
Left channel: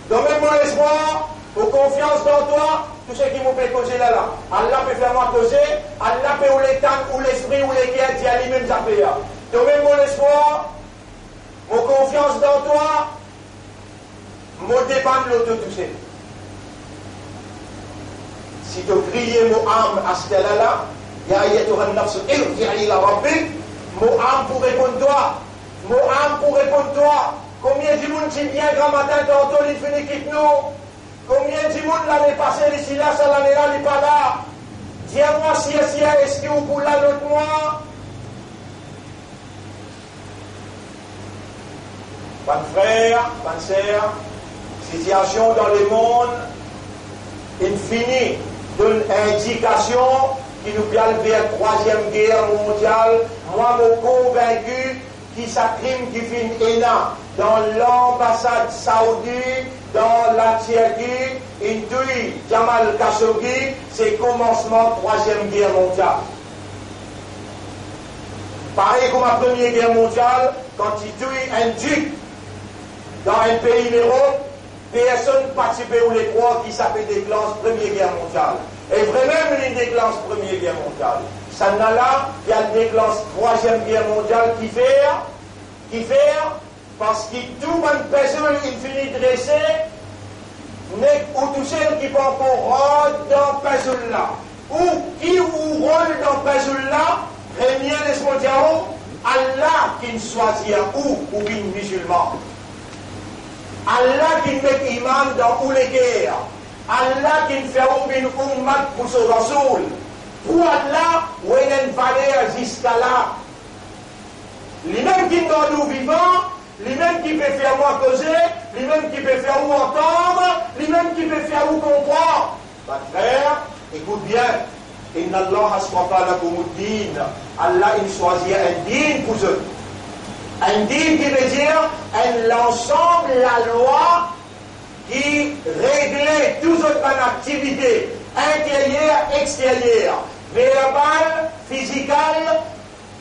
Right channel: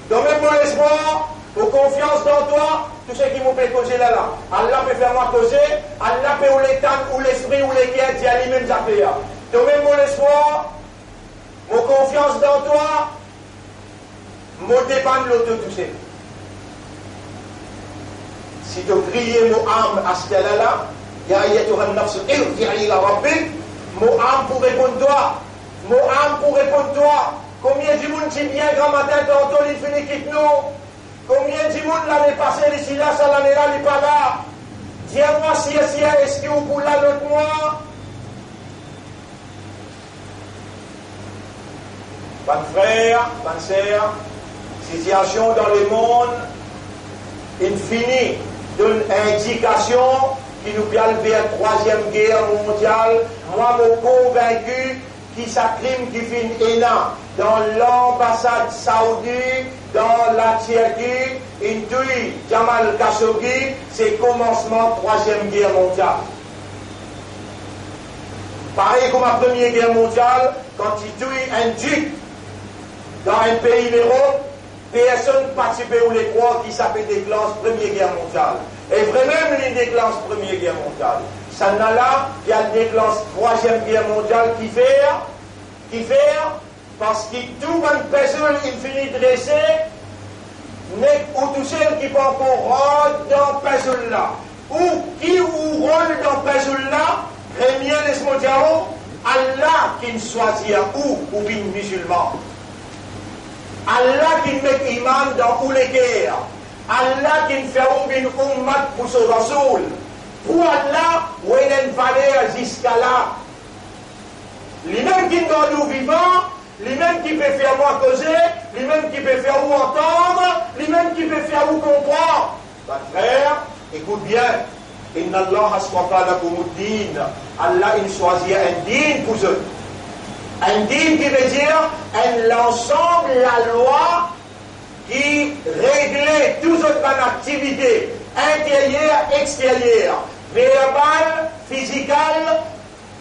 donc même mon espoir aux confiance dans toi tout ce qui m'ont fait causer là Allah peut faire moi causer Allah peut ou l'état ou l'esprit ou les guerres dit à lui-même zapper donc même mon espoir mon confiance dans toi mon dépend de l'autre touché si tu crier mon âme à ce là ya ayyatuha an-nafs irji'i ila rabbik mon âme pour répondre toi mon âme pour répondre toi combien de monde qui vient grand matin tantôt il finit quitte nous combien de monde l'année passée ici là ça l'année là il n'est pas là tiens-moi si est-ce que vous pour là l'autre mois bonne frère bonne sœur situation dans le monde infinie d'une indication qui nous vient vers la 3e guerre mondiale. Moi, je suis convaincu que ça crime qui finit énorme dans l'ambassade saoudite, dans la Turquie, Intui, Jamal Khashoggi, c'est le commencement de la 3e guerre mondiale. Pareil comme la Première Guerre mondiale, quand il tue un duc dans un pays d'Europe, personne ne participait ou les croix qui s'appelle déclenche Première Guerre mondiale. Et vraiment, il déclenche Première Guerre mondiale. Ça n'a là, il y a le déclenche 3e Guerre mondiale qui fait, parce que tout le monde personne, il finit dressé, n'est ou tout seul qui peut encore rôle dans personne là. Ou qui ou rôle dans personne là, premier laisse-moi dire, Allah qui ne choisit ou bien musulman. Allah qui met iman dans tous les guerres. Allah qui fait une ummat pour son rasoul. Pour Allah, où il y a une valeur jusqu'à là. Lui-même qui nous nous vivants, lui-même qui peut faire moi causer, lui-même qui peut faire vous entendre, lui-même qui peut faire vous comprendre. Ma frère, écoute bien. Inna Allah aswafa lakumuddin. Allah il choisit un din pour eux. Un din qui veut dire l'ensemble, la loi qui réglait toutes autres activités intérieures, extérieures, verbales, physicales,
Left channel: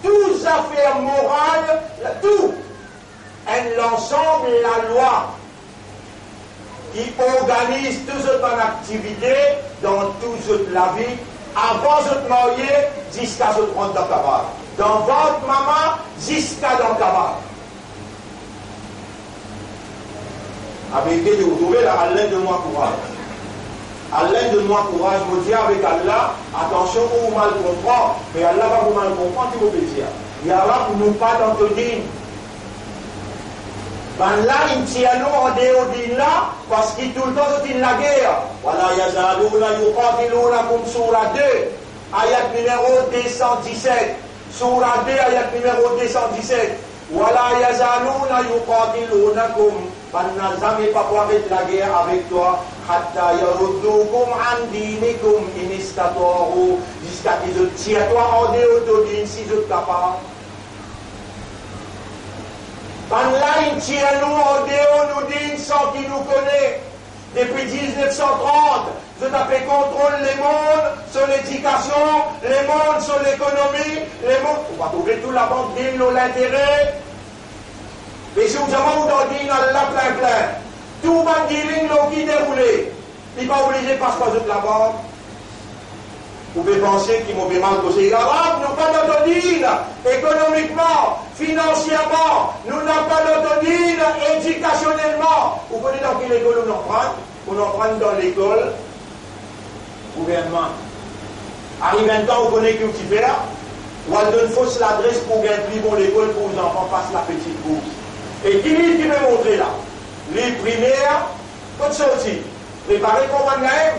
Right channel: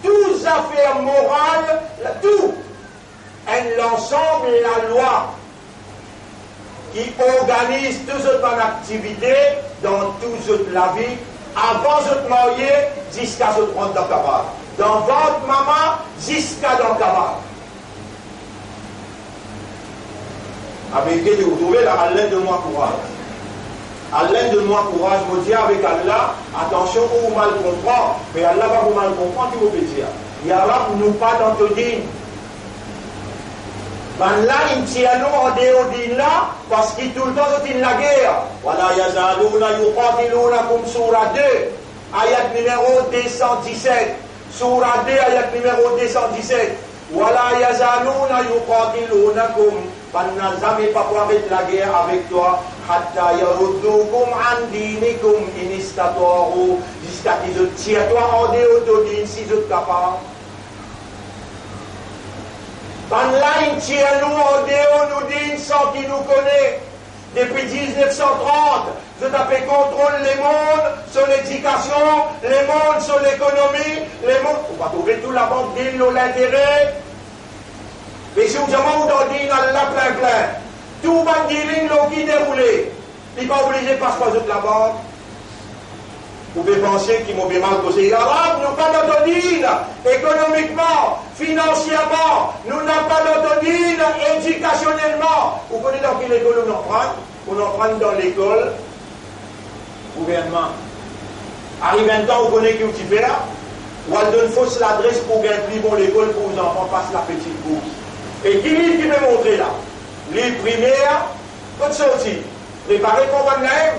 toutes affaires morales, tout. L'ensemble, la loi qui organise toutes autres activités dans toute la vie, avant de te marier, jusqu'à ce que tu rentres dans ta barre. Dans votre maman, jusqu'à dans ta barre. Avec Dieu, vous trouvez là, Allah donne-moi courage. Allah donne-moi courage, je me dis avec Allah, attention, vous mal comprendre, mais Allah va vous mal comprendre, tu vous plaisir. Yarab nous pas dans ton dîne. Ben là, il tient nous en dehors d'île là, parce qu'il tout le temps il la guerre. Voilà, yazalouna yuqatilunakum surah 2, ayat numéro 217. Surah 2, ayat numéro 217. Voilà, yazalouna yuqatilunakum. Ben n'a jamais pas pouvoir mettre la guerre avec toi. Hatta yaruddukum an dinikum in istataru. Jusqu'à qu'ils te tirent toi en dehors de l'île, si je te capable. Là, il tient nous en dehors, nous dit sans qui nous connaît. Depuis 1930, je t'appelle contrôle les mondes sur l'éducation, les mondes sur l'économie, les mondes. On va trouver tout la banque d'île, l'intérêt. Mais si vous avez dans l'île, Allah plein. Tout va dire l'île qui déroulé. Il n'est pas obligé de passer par la banque. Vous pouvez penser qu'ils m'ont bien mal causé. Les Arabes n'ont pas d'autodine économiquement, financièrement. Nous n'avons pas d'autodine éducationnellement. Vous connaissez dans quelle école on en prend? On en prend dans l'école gouvernement. Arrive un temps, vous connaissez qui vous fait. Ou elle donne fausse l'adresse pour gagner plus bon l'école pour les enfants passent la petite bourse. Et qui veut montrer là? Les primaires, quand sorti. préparé pour moi même.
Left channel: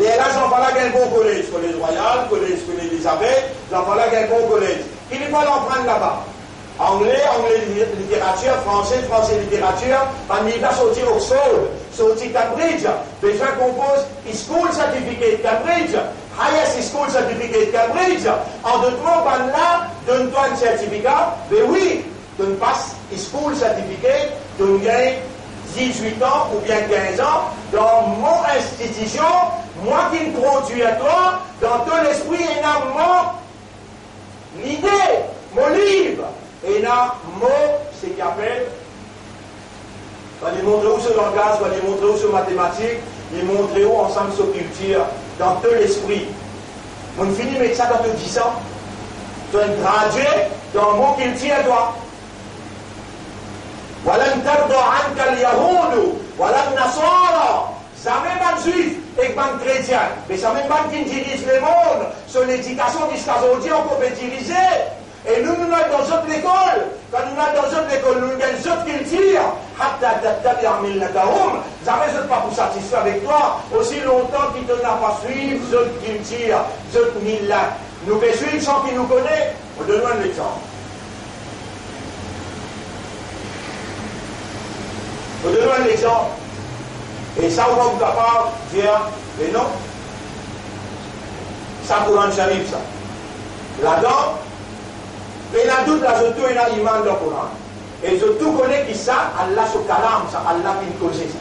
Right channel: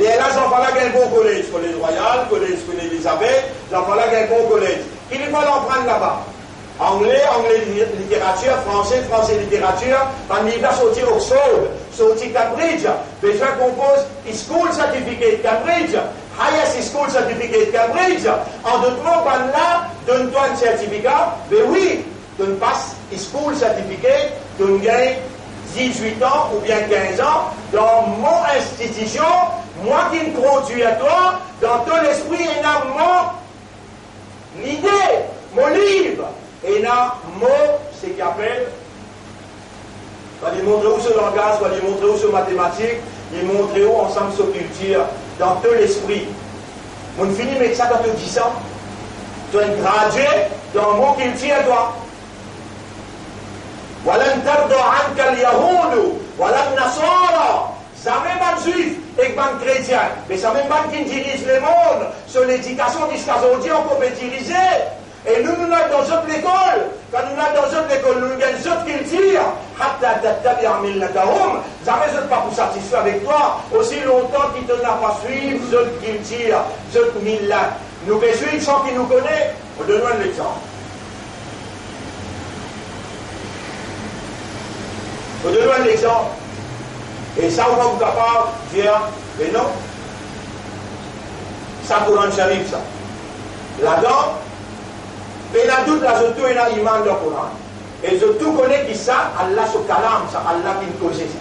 Les enfants là, il y a un bon collège, collège royal, collège Elisabeth, les enfants là, il y a un bon collège. Il faut l'en là-bas. Anglais littérature, français littérature, en il va sortir Oxford, sortir Cambridge, besoin qu'on pose School Certificate Cambridge, Highest School Certificate Cambridge, en d'autres mots, là, donne-toi un certificat, mais oui, donne passe School Certificate, donne gagne 18 ans ou bien 15 ans dans mon institution, moi qui me conduis à toi, dans ton esprit, il y a mon idée, mon livre. Et là, mot, c'est qu'il appelle, va lui montrer où ce langage, va lui montrer où ce mathématique, lui montrer où ensemble ce culture, dans tout l'esprit. On finit avec ça dans tout 10 ans. Tu es gradué dans le mot culture, toi. Voilà un tardo anka al-yahudu, voilà un nasara. Ça même pas juif et pas chrétien, mais ça même pas qui dirige le monde. Sur l'éducation jusqu'à aujourd'hui, on peut utiliser. Et nous, nous sommes dans notre école. Quand nous sommes dans notre école, nous avons une autre culture. Jamais je ne pas pour satisfaire avec toi. Aussi longtemps qu'il ne n'a pas suivi notre culture, notre millat. Nous pouvons suivre sans qu'il nous connaît. On donne un exemple. On donne un exemple. Et ça, on va vous capable de dire, mais non. Ça, Coran Sharif, ça. Là-dedans, et là, toute la zoto et là, iman de Coran. Et je tout connais qui ça, Allah se calame, ça, Allah qui me cause ça.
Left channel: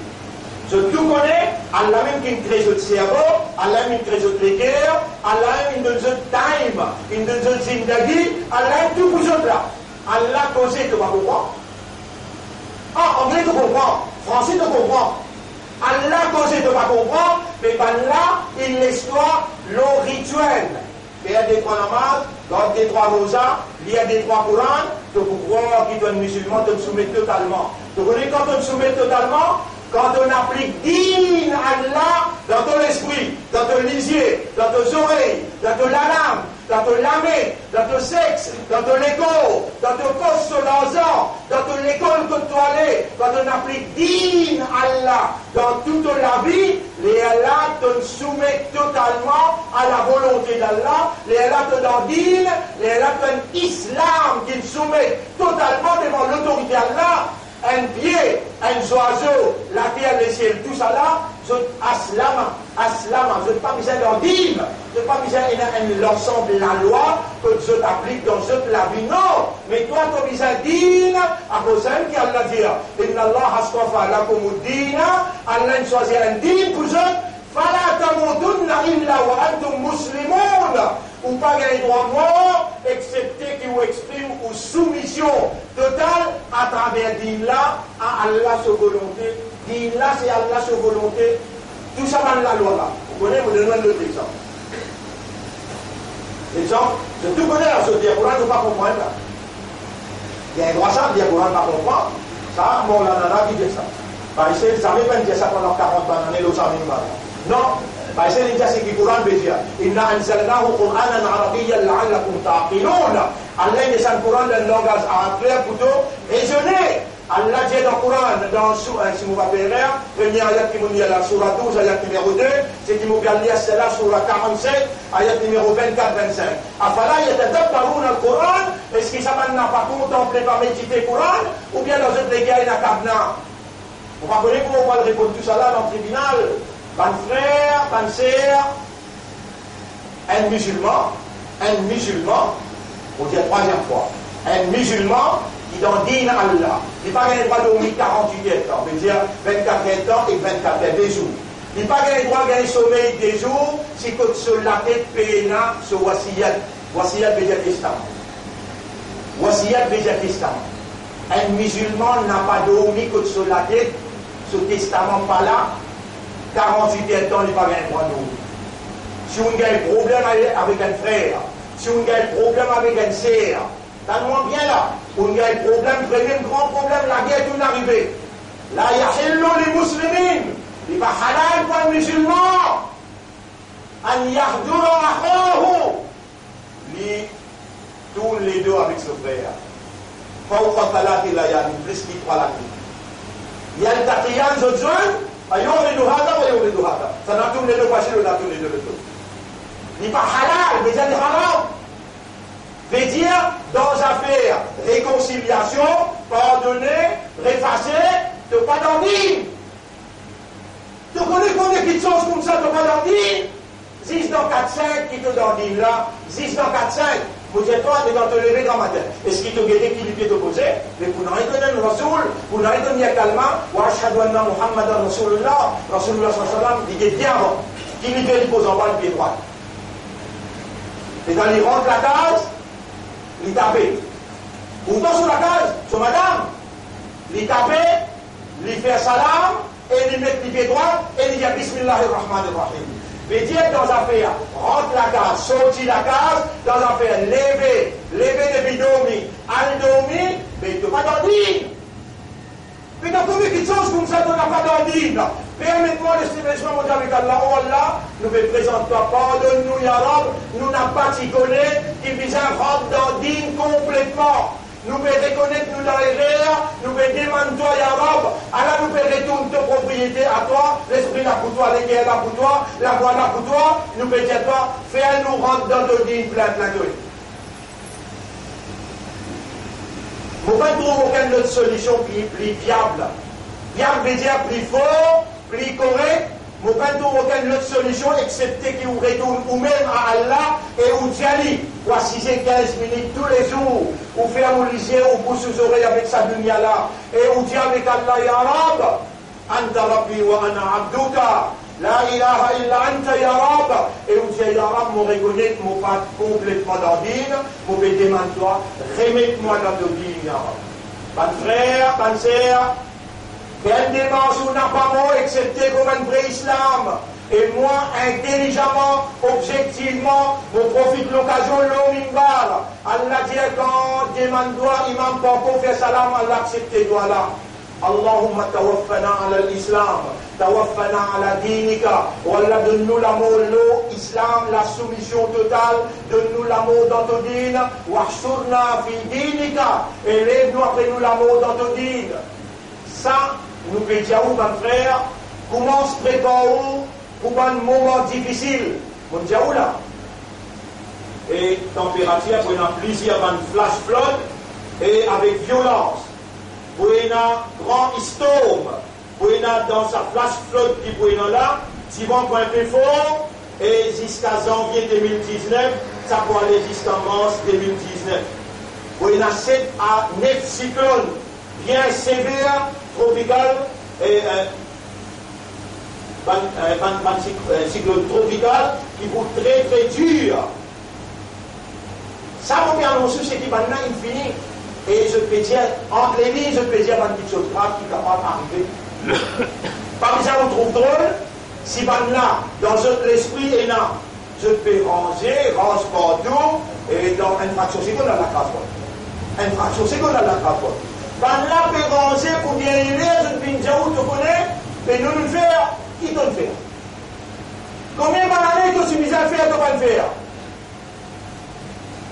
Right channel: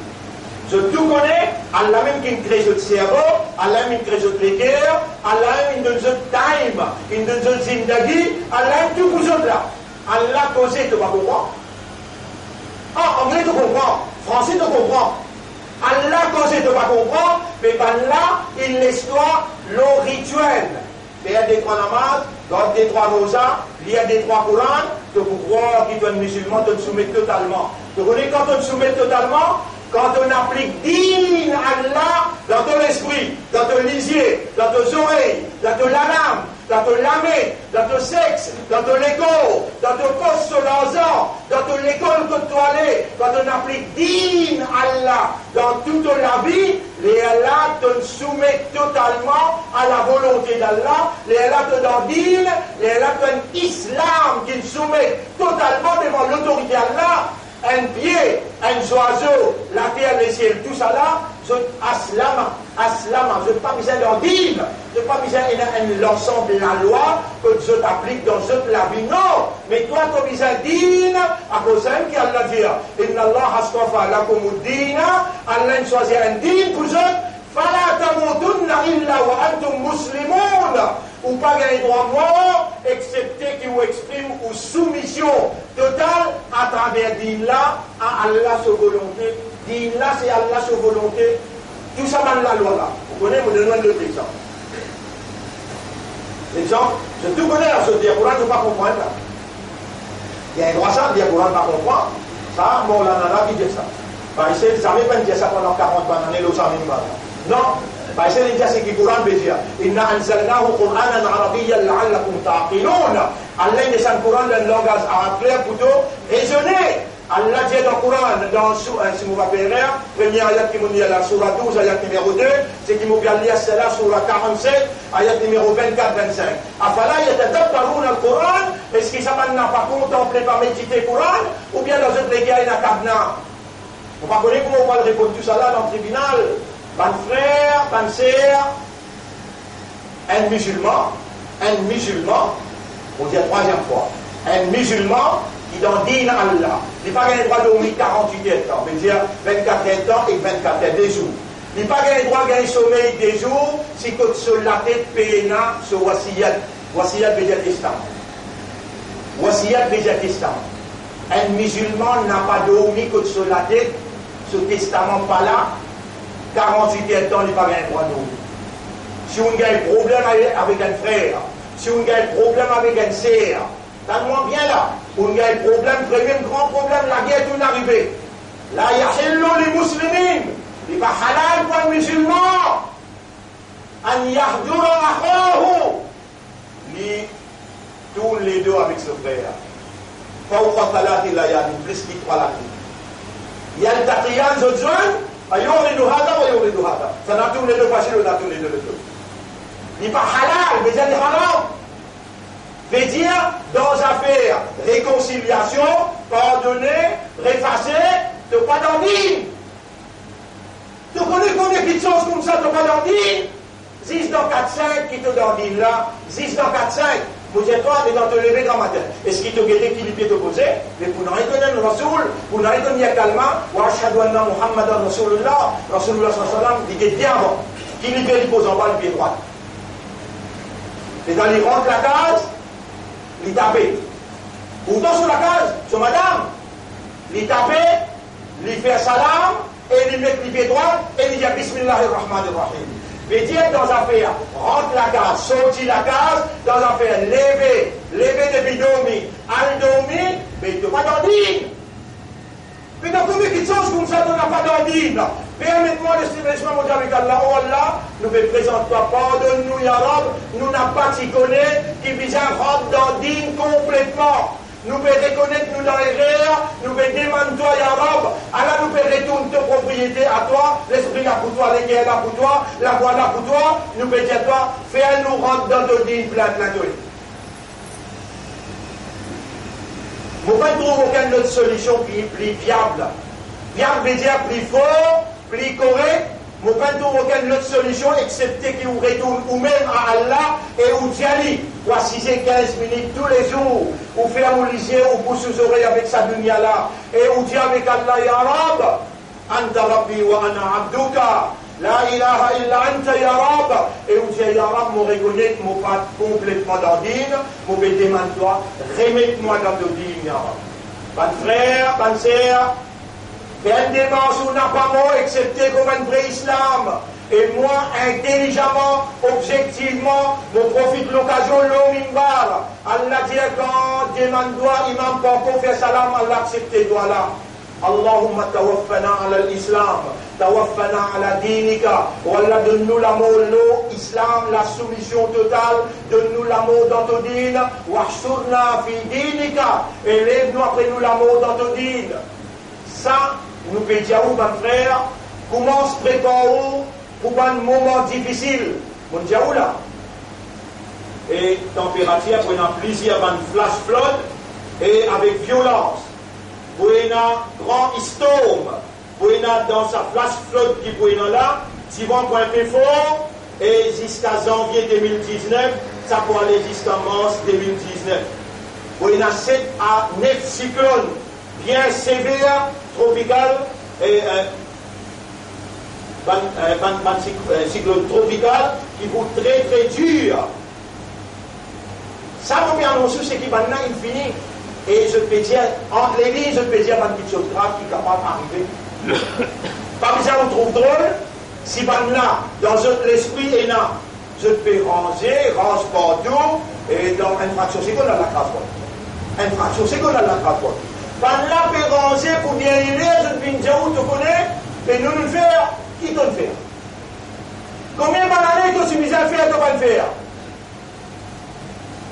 Je tout connais, Allah même qui me crée notre cerveau, Allah même qui crée notre cœur, Allah même qui donne notre time, qui donne notre zindagi, Allah même tout pour autres là. Allah cause, tu vas comprendre. Ah, anglais, tu comprends. Français, tu comprends. Allah cause, tu vas comprendre, mais ben là, il l'histoire, le rituel. Mais il y a des trois namazes, donc des trois rosas, il y a des trois Corans, de pouvoir qui donne musulman, de soumet totalement. Vous connaissez quand on soumet totalement, quand on applique din Allah dans ton esprit, dans ton lisier, dans tes oreilles, dans ton laname, dans ton lamé, dans ton sexe, dans ton écho, dans ton poste sur l'argent, dans ton école que tu allais, quand on applique din Allah dans toute la vie, les Allah te soumettent totalement à la volonté d'Allah, les Allah te donnent din, les Allah te donnent islam qui soumet totalement devant l'autorité d'Allah. Un pied, un oiseau, la terre, le ciel, tout ça là, je aslama, je n'ai pas besoin d'en dire, je n'ai pas besoin de l'ensemble de la loi que je t'applique dans cette la vie, non, mais toi tu as besoin de dire, à cause d'un qui Allah dit, Inna Allah astafa lakumuddina, Allah choisit un din pour eux, fala tamutunna illa wa antum muslimun. Ou pas gagner droit mort, excepté qui vous exprime ou soumission totale à travers din-là à Allah sa volonté. Din-là, c'est Allah sa volonté. Tout ça dans la loi là. Vous connaissez, vous donnez l'autre exemple. L'exemple, je tout connais là, ce dire Coran, je ne peux pas comprendre là. Il y a un droit ça, dire Coran, je ne peux pas comprendre. Ça, bon, la nana qui dit ça. Par ici, ça ne veut pas dire ça pendant 40 ans, on est l'autre non. فإذا الإنجاز في القرآن بيجي إنا أنزلناه قرآنا عربيا لعلكم تعقلون Allah descend le Coran dans le langage arabe clair plutôt raisonné. Allah dit dans le Coran, dans si vous rappelez, première ayat qui nous dit la surah 12, ayat numéro 2, c'est qui nous dit la surah 47, ayat numéro 24-25. Afala yatadabbaruna le Coran, est-ce qu'ils n'a pas contemplé, pas médité le Coran, ou bien dans une guerre il y a cabna? On va connaître comment on va répondre tout ça là dans le tribunal. Ban frère, ban sœur, un musulman, on dit la troisième fois, un musulman qui dans din Allah, il n'a pas gagné le droit de dormir 48 ans, on veut dire 24 ans et 24 heures des jours. Il n'a pas gagné le droit de gagner sommeil des jours, si que sur la tête péna, sur wasiyat, wasiyat veut dire testament. Wasiyat veut dire testament. Un musulman n'a pas dormi que sur la tête, ce testament pas là, 48 ans, il n'a pas gagné le droit de dormir. Si on a un problème avec un frère, si on a un problème avec une sœur, donne-moi bien là, on a un problème, un grand problème, la guerre est arrivée. Là, il y a les musulmans, il va halal pour un musulman, an yahdura akhahu, tous les deux avec ce frère. Fawqa talati la yani, plus qu'il croit la vie. Il y a le taqiyan, je joins, يورد هذا ويورد هذا سنعطيهم les deux bachir ou n'attons les deux n'est pas halal, veut dire haram. Veut dire dans affaire réconciliation, pardonner, réfasser, tu pas d'ordine. Tu connais petites choses comme ça, tu pas d'ordine. 10 dans 4-5 qui te d'ordine là, 10 dans 4-5. Vous dites toi, tu es dans te lever grand matin. Est-ce qu'il te guérit qui lui peut te poser? Mais pour n'en reconnaître le Rasoul, pour n'en reconnaître calmement, wa ashhadu anna Muhammadan Rasulullah, Rasulullah sallallahu alayhi wa sallam, il dit bien avant, qui lui peut lui poser en bas le pied droit. Et dans les rentre la case, il tape. Pourtant sur la case, sur madame, il tape, il fait salam, et il met le pied droit, et il dit Bismillahirrahmanirrahim. Veut dire dans l'affaire, rentre la case, sortir la case, dans l'affaire, lever depuis dormir, aller dormir, mais il ne pas d'ordine. Mais dans combien de choses comme ça, tu n'as pas d'ordine. Permets-moi de s'élever mon Dieu avec Allah. Oh Allah, nous ne présentons pas, pardonne-nous, Ya Rab, nous n'avons pas ticonné, qui vise un rendre d'ordine complètement. Nous pouvons reconnaître nous dans l'erreur, nous pouvons demander toi, Ya Rab, Allah nous peut retourner ta propriété à toi, l'esprit là pour toi, l'équerre là pour toi, la voix là pour toi, nous pouvons dire toi, fais-nous rentrer dans d'ordine plein de Vous ne trouvez aucune autre solution qui est plus viable. Viable veut dire plus fort, plus correct. Vous ne trouvez aucune autre solution excepté qu'il vous retourne ou même à Allah et ou Djali. Ou à 6 et 15 minutes tous les jours. Ou faire un lycée ou pousse aux oreilles avec sa dunya là. Et ou dit avec Allah, Ya Rab, Anta Rabbi wa ana abduka. La ilaha illa anta Ya Rab. Et vous dites Ya Rab, mon reconnaître, mon pas complètement d'ordine, mon demande-toi, remets-moi dans l'ordine, Ya Rab. Bonne frère, bonne sœur, fais une démarche où n'a pas mot, excepté comme un vrai islam. Et moi, intelligemment, objectivement, je profite de l'occasion, l'omimbar. Allah dit quand demande-toi, imam, pour faire salam, Allah accepte toi là. Allahumma tawaffana ala l'islam, tawaffana ala dinika, wallah donne-nous l'amour, l'islam, la soumission totale, donne-nous l'amour dans ton dîne, wahshurna fi dinika, et lève-nous après nous l'amour dans ton dîne. Ça, nous pédiaou, mon frère, comment se préparer pour un moment difficile, mon diaou là. Et température, prenant plaisir à une flash flood, et avec violence. Pour un grand storm, pour dans sa flash flood qui pour là, si vous un peu fort, et jusqu'à janvier 2019, ça peut aller jusqu'à mars 2019. Pour un 7 à 9 cyclones bien sévères, tropicales, et cyclone tropical qui vont très très dur. Ça vous bien annoncé, c'est qui maintenant il finit. Et je peux dire, entre les lignes, je peux dire une petite chose grave qui est capable d'arriver. Parmi ça, on trouve drôle, si là, dans l'esprit est là, je peux range partout, et dans une fraction seconde, on a la transport. Une fraction seconde, on a la transport. Là, peut ranger pour bien y aller, je peux dire où tu connais, et nous le faire, qui te le fait? Combien d'années tu suis à faire, tu vas le faire?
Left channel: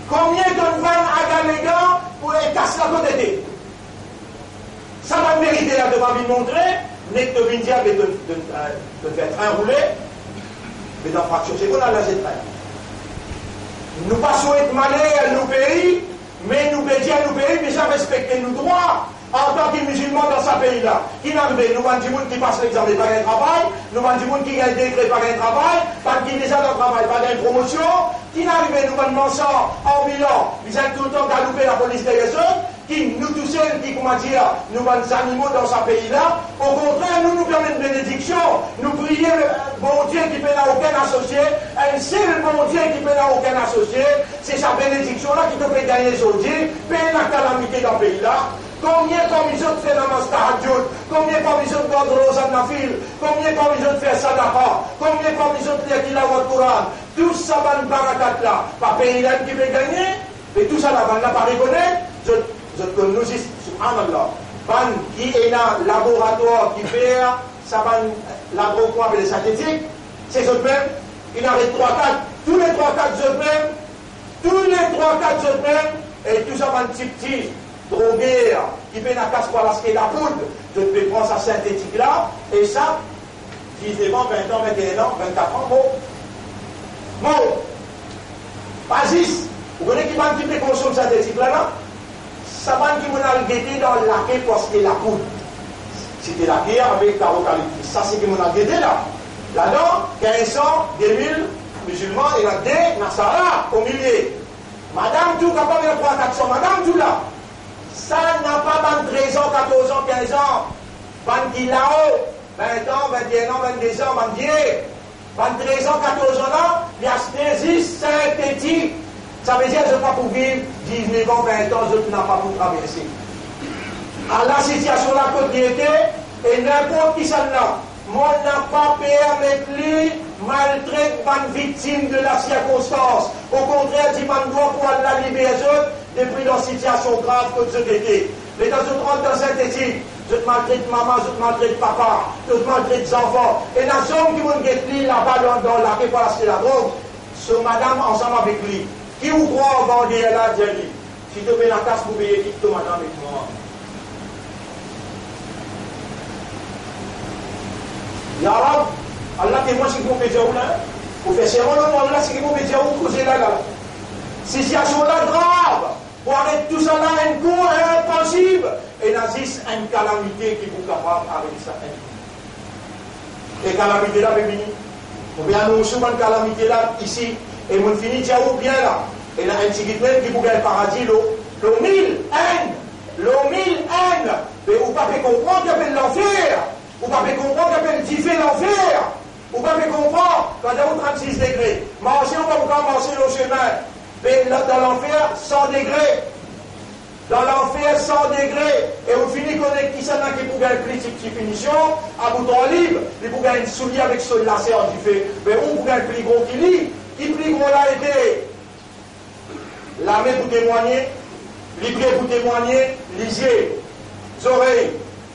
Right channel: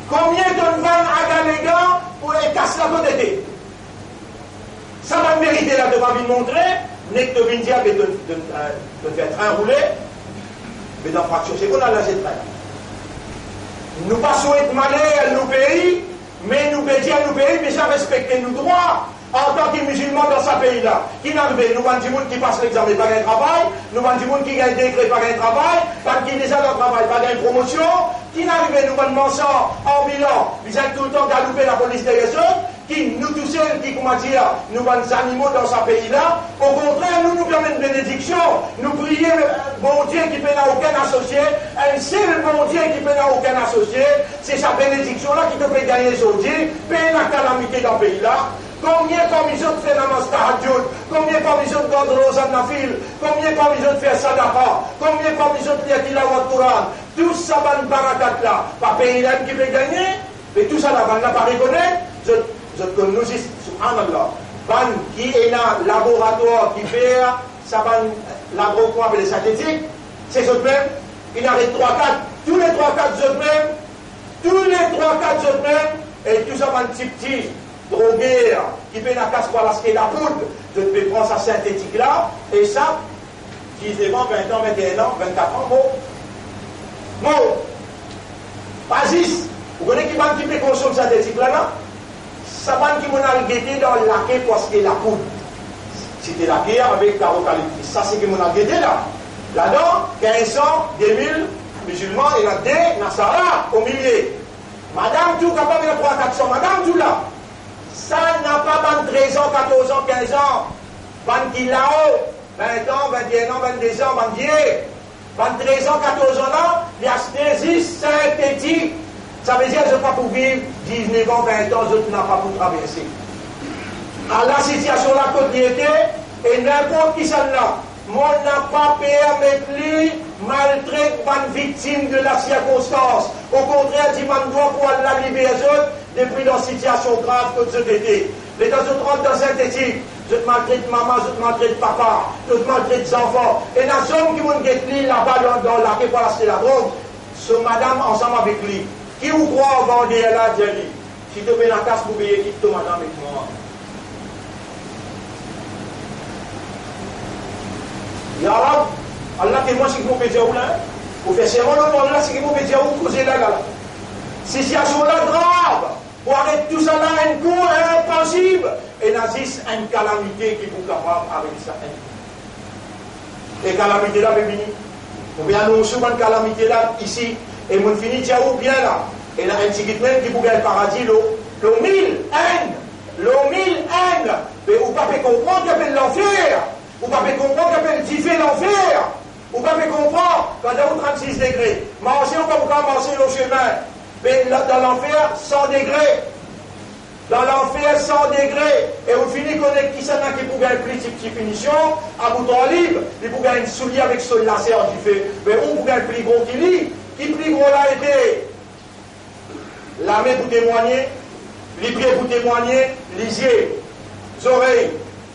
Combien de vannes à Galégan pour casser la côté? Ça va mériter là de ma vie montrer, n'est que tu viens dire de faire train rouler, mais dans fraction seconde, là, j'ai train. Nous pas souhaitons malheur à nos pays, mais nous pédions à nos pays, mais ça respecter nos droits. En tant que musulmans dans ce pays-là, qui n'arrive, nous avons des gens qui passent l'examen par un travail, nous avons des gens qui gagnent des décrets par un travail, pas qui déjà dans le travail par une promotion, qui n'arrive, nous avons des mensonges en bilan, ils ont tout le temps galoupé la police des autres, qui nous tous seuls, qui, comment dire, nous avons des animaux dans ce pays-là. Au contraire, nous permettons une bénédiction, nous prions bon Dieu qui peut n'a aucun associé, un seul bon Dieu qui peut n'a aucun associé, c'est sa bénédiction-là qui te fait gagner aujourd'hui, payer la calamité dans le pays-là. Combien parmi les autres fait namaz tahajjud? Combien parmi les autres gardent Rosa Nafil? Combien parmi les autres fait sadaqa? Combien parmi les autres lit tilawat Quran? Tout ça va barakat là. Pas pays là qui peut gagner, mais tout ça là, on n'a pas reconnaître. Je connais, subhanallah, ban qui est là, laboratoire qui fait, ça va laboratoire avec les synthétiques, c'est eux même, il arrête 3-4, tous les 3-4 eux même, tous les 3-4 eux même, et tout ça va un petit drogué qui fait la casse pour la poudre, je peux prendre sa synthétique là, et ça, 19 ans, 20 ans, 21 ans, 24 ans, bon. Pas 10. Vous connaissez qui va quitter consommer ça des là, non? Ça va qui m'a guetté dans la quai parce que la poudre. C'était la pierre avec carocalyptis. Ça, c'est que mon a guetté là. Là-dedans, 1500, 2000 musulmans, il y a des Nassara au milieu. Madame tout capable de prendre 400, madame tout là. Ça n'a pas 13 ans, 14 ans, 15 ans. Ban qui là-haut, 20 ans, 21 ans, 22 ans, 13 ans, 14 ans là, l'anesthésie synthétique. Ça veut dire que je ne pas pour vivre 19 ans, 20 ans, je n'ai pas pour traverser. À la situation là, côté était, et n'importe qui ça là, moi n'a pas permis maltraiter une victime de la circonstance. Au contraire, dit man doit pour la libérer depuis dans une situation grave que je étais. Les gens se rendent dans synthétique. Je te maltraite maman, je te maltraite papa, je te maltraite les enfants. Et la zone qui vont get lui là-bas dans la quai pour acheter la drogue, ce madame ensemble avec lui. Qui vous croit vendre là, dit si tu mets la casse pour payer, quitte madame avec moi. Ya Rab, Allah témoin ce qui vous fait dire où là. Vous faites serment le monde là, ce qui vous fait dire où, causez là, là. Situation là grave. Pour arrêter tout ça là, un coup impossible. Et nazis, une calamité qui vous capable avec ça. Et calamité là, bébé. Vous voyez, nous sommes une calamité là, ici. Et mon fini, tiens, où bien là. Et là, un petit même qui vous gagne le paradis, le 1000 haine. Le 1000 haine. Mais vous ne pouvez pas comprendre qu'il y a l'enfer. Vous ne pouvez pas comprendre qu'il y a le diffé l'enfer. Vous ne pouvez pas comprendre quand il y a 36 degrés. Manger, on va vous commencer le chemin. Mais là, dans l'enfer, 100 degrés. Dans l'enfer, 100 degrés. Et vous finissez qu'on est qui s'en a qui pour gagner plus de petite finition, à bouton libre, il pour gagner une soulier avec ce lacet du fait. Mais on pour gagner plus gros qui lit. Qui plus gros là été? L'armée pour témoigner, les pieds pour témoigner, les yeux, les oreilles,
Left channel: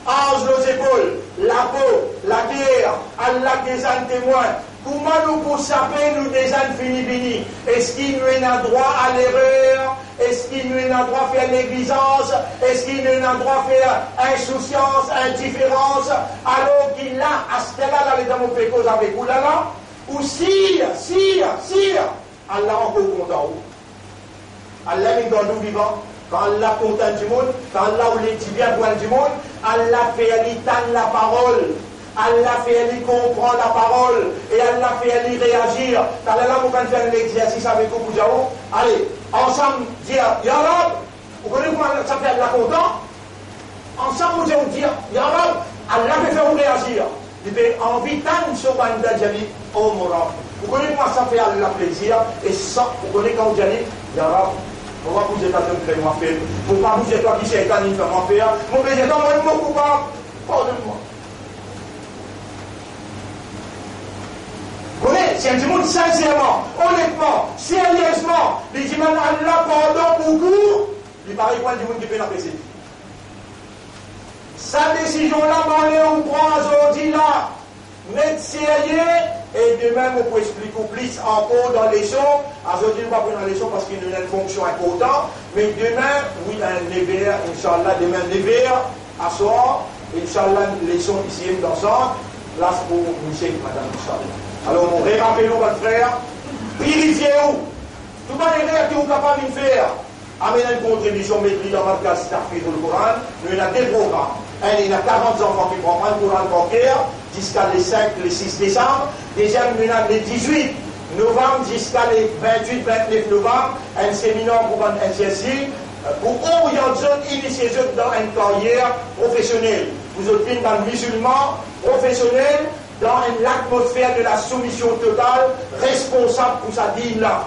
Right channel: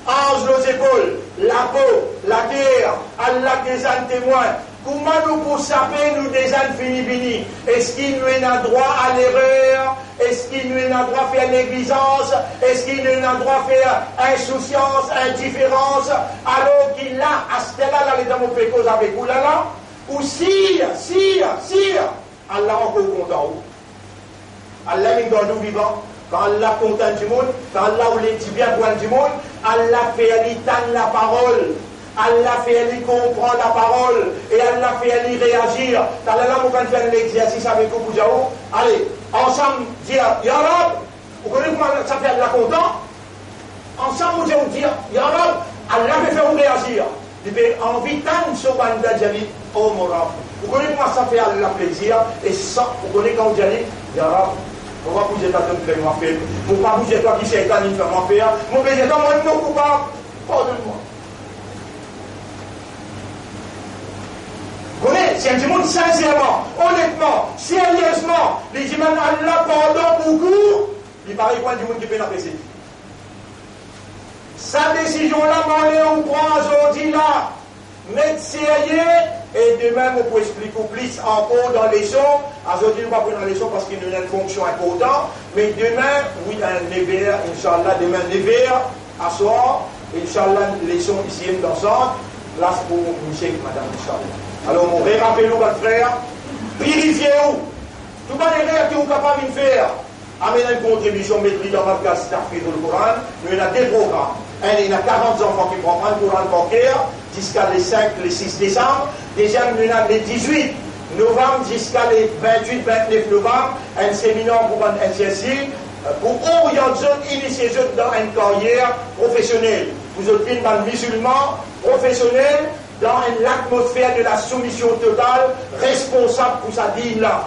ange nos épaules, la peau, la terre, Allah des ânes témoins. Comment nous pour saper nous des ânes fini? Est-ce qu'il nous a droit à l'erreur? Est-ce qu'il nous a droit à faire négligence? Est-ce qu'il nous a droit à faire insouciance, indifférence? Alors qu'il a, à ce là, là, les dames ont fait cause avec vous là, ou sire, Allah encore content. Allah est dans nous vivants. Quand Allah content du monde, quand Allah ou les bien du monde, Allah fait l'étendre la parole. Allah fait lui comprendre la parole et Allah fait lui réagir. Quand Allah vous faire l'exercice avec vous, allez, ensemble dire Ya Rab, vous connaissez comment ça fait Allah content? Ensemble vous dire Ya Rab, Allah me fait vous réagir. Il fait envie tant de banda Jali, oh mon Rab. Vous connaissez comment ça fait Allah plaisir et ça, vous connaissez quand vous dites Ya Rab, pourquoi vous êtes en train de faire moi faire? Pourquoi vous êtes toi qui s'est en train de faire moi faire? Mon péché, moi coupable, pardonne-moi. Si un monde sincèrement, honnêtement, sérieusement, les dit même Allah pardon beaucoup, il paraît quoi du monde qui peut l'apprécier. Sa décision là, on prend aujourd'hui là, mettre sérieux, et demain on peut expliquer plus encore dans les leçons. Aujourd'hui on va prendre la leçon parce qu'il y a une fonction importante, mais demain, oui, un never, Inch'Allah, demain never, à soir, Inch'Allah, leçon ici ensemble, place pour Michel, madame, Inch'Allah. Alors, on rappelez-nous, votre frère, purifiez-vous. Tout les erreurs que vous êtes capable de faire, amenez une contribution, mettez dans ma classe Starfield le Coran. Nous, avons des programmes. Il y a 40 enfants qui prennent le Coran bancaire jusqu'à les 5, les 6 décembre. Déjà, nous avons les 18 novembre jusqu'à les 28, 29 novembre, un séminaire pour un NCSI pour orienter, initier dans une carrière professionnelle. Vous êtes un musulman professionnel dans l'atmosphère de la soumission totale, responsable pour sa dîme là.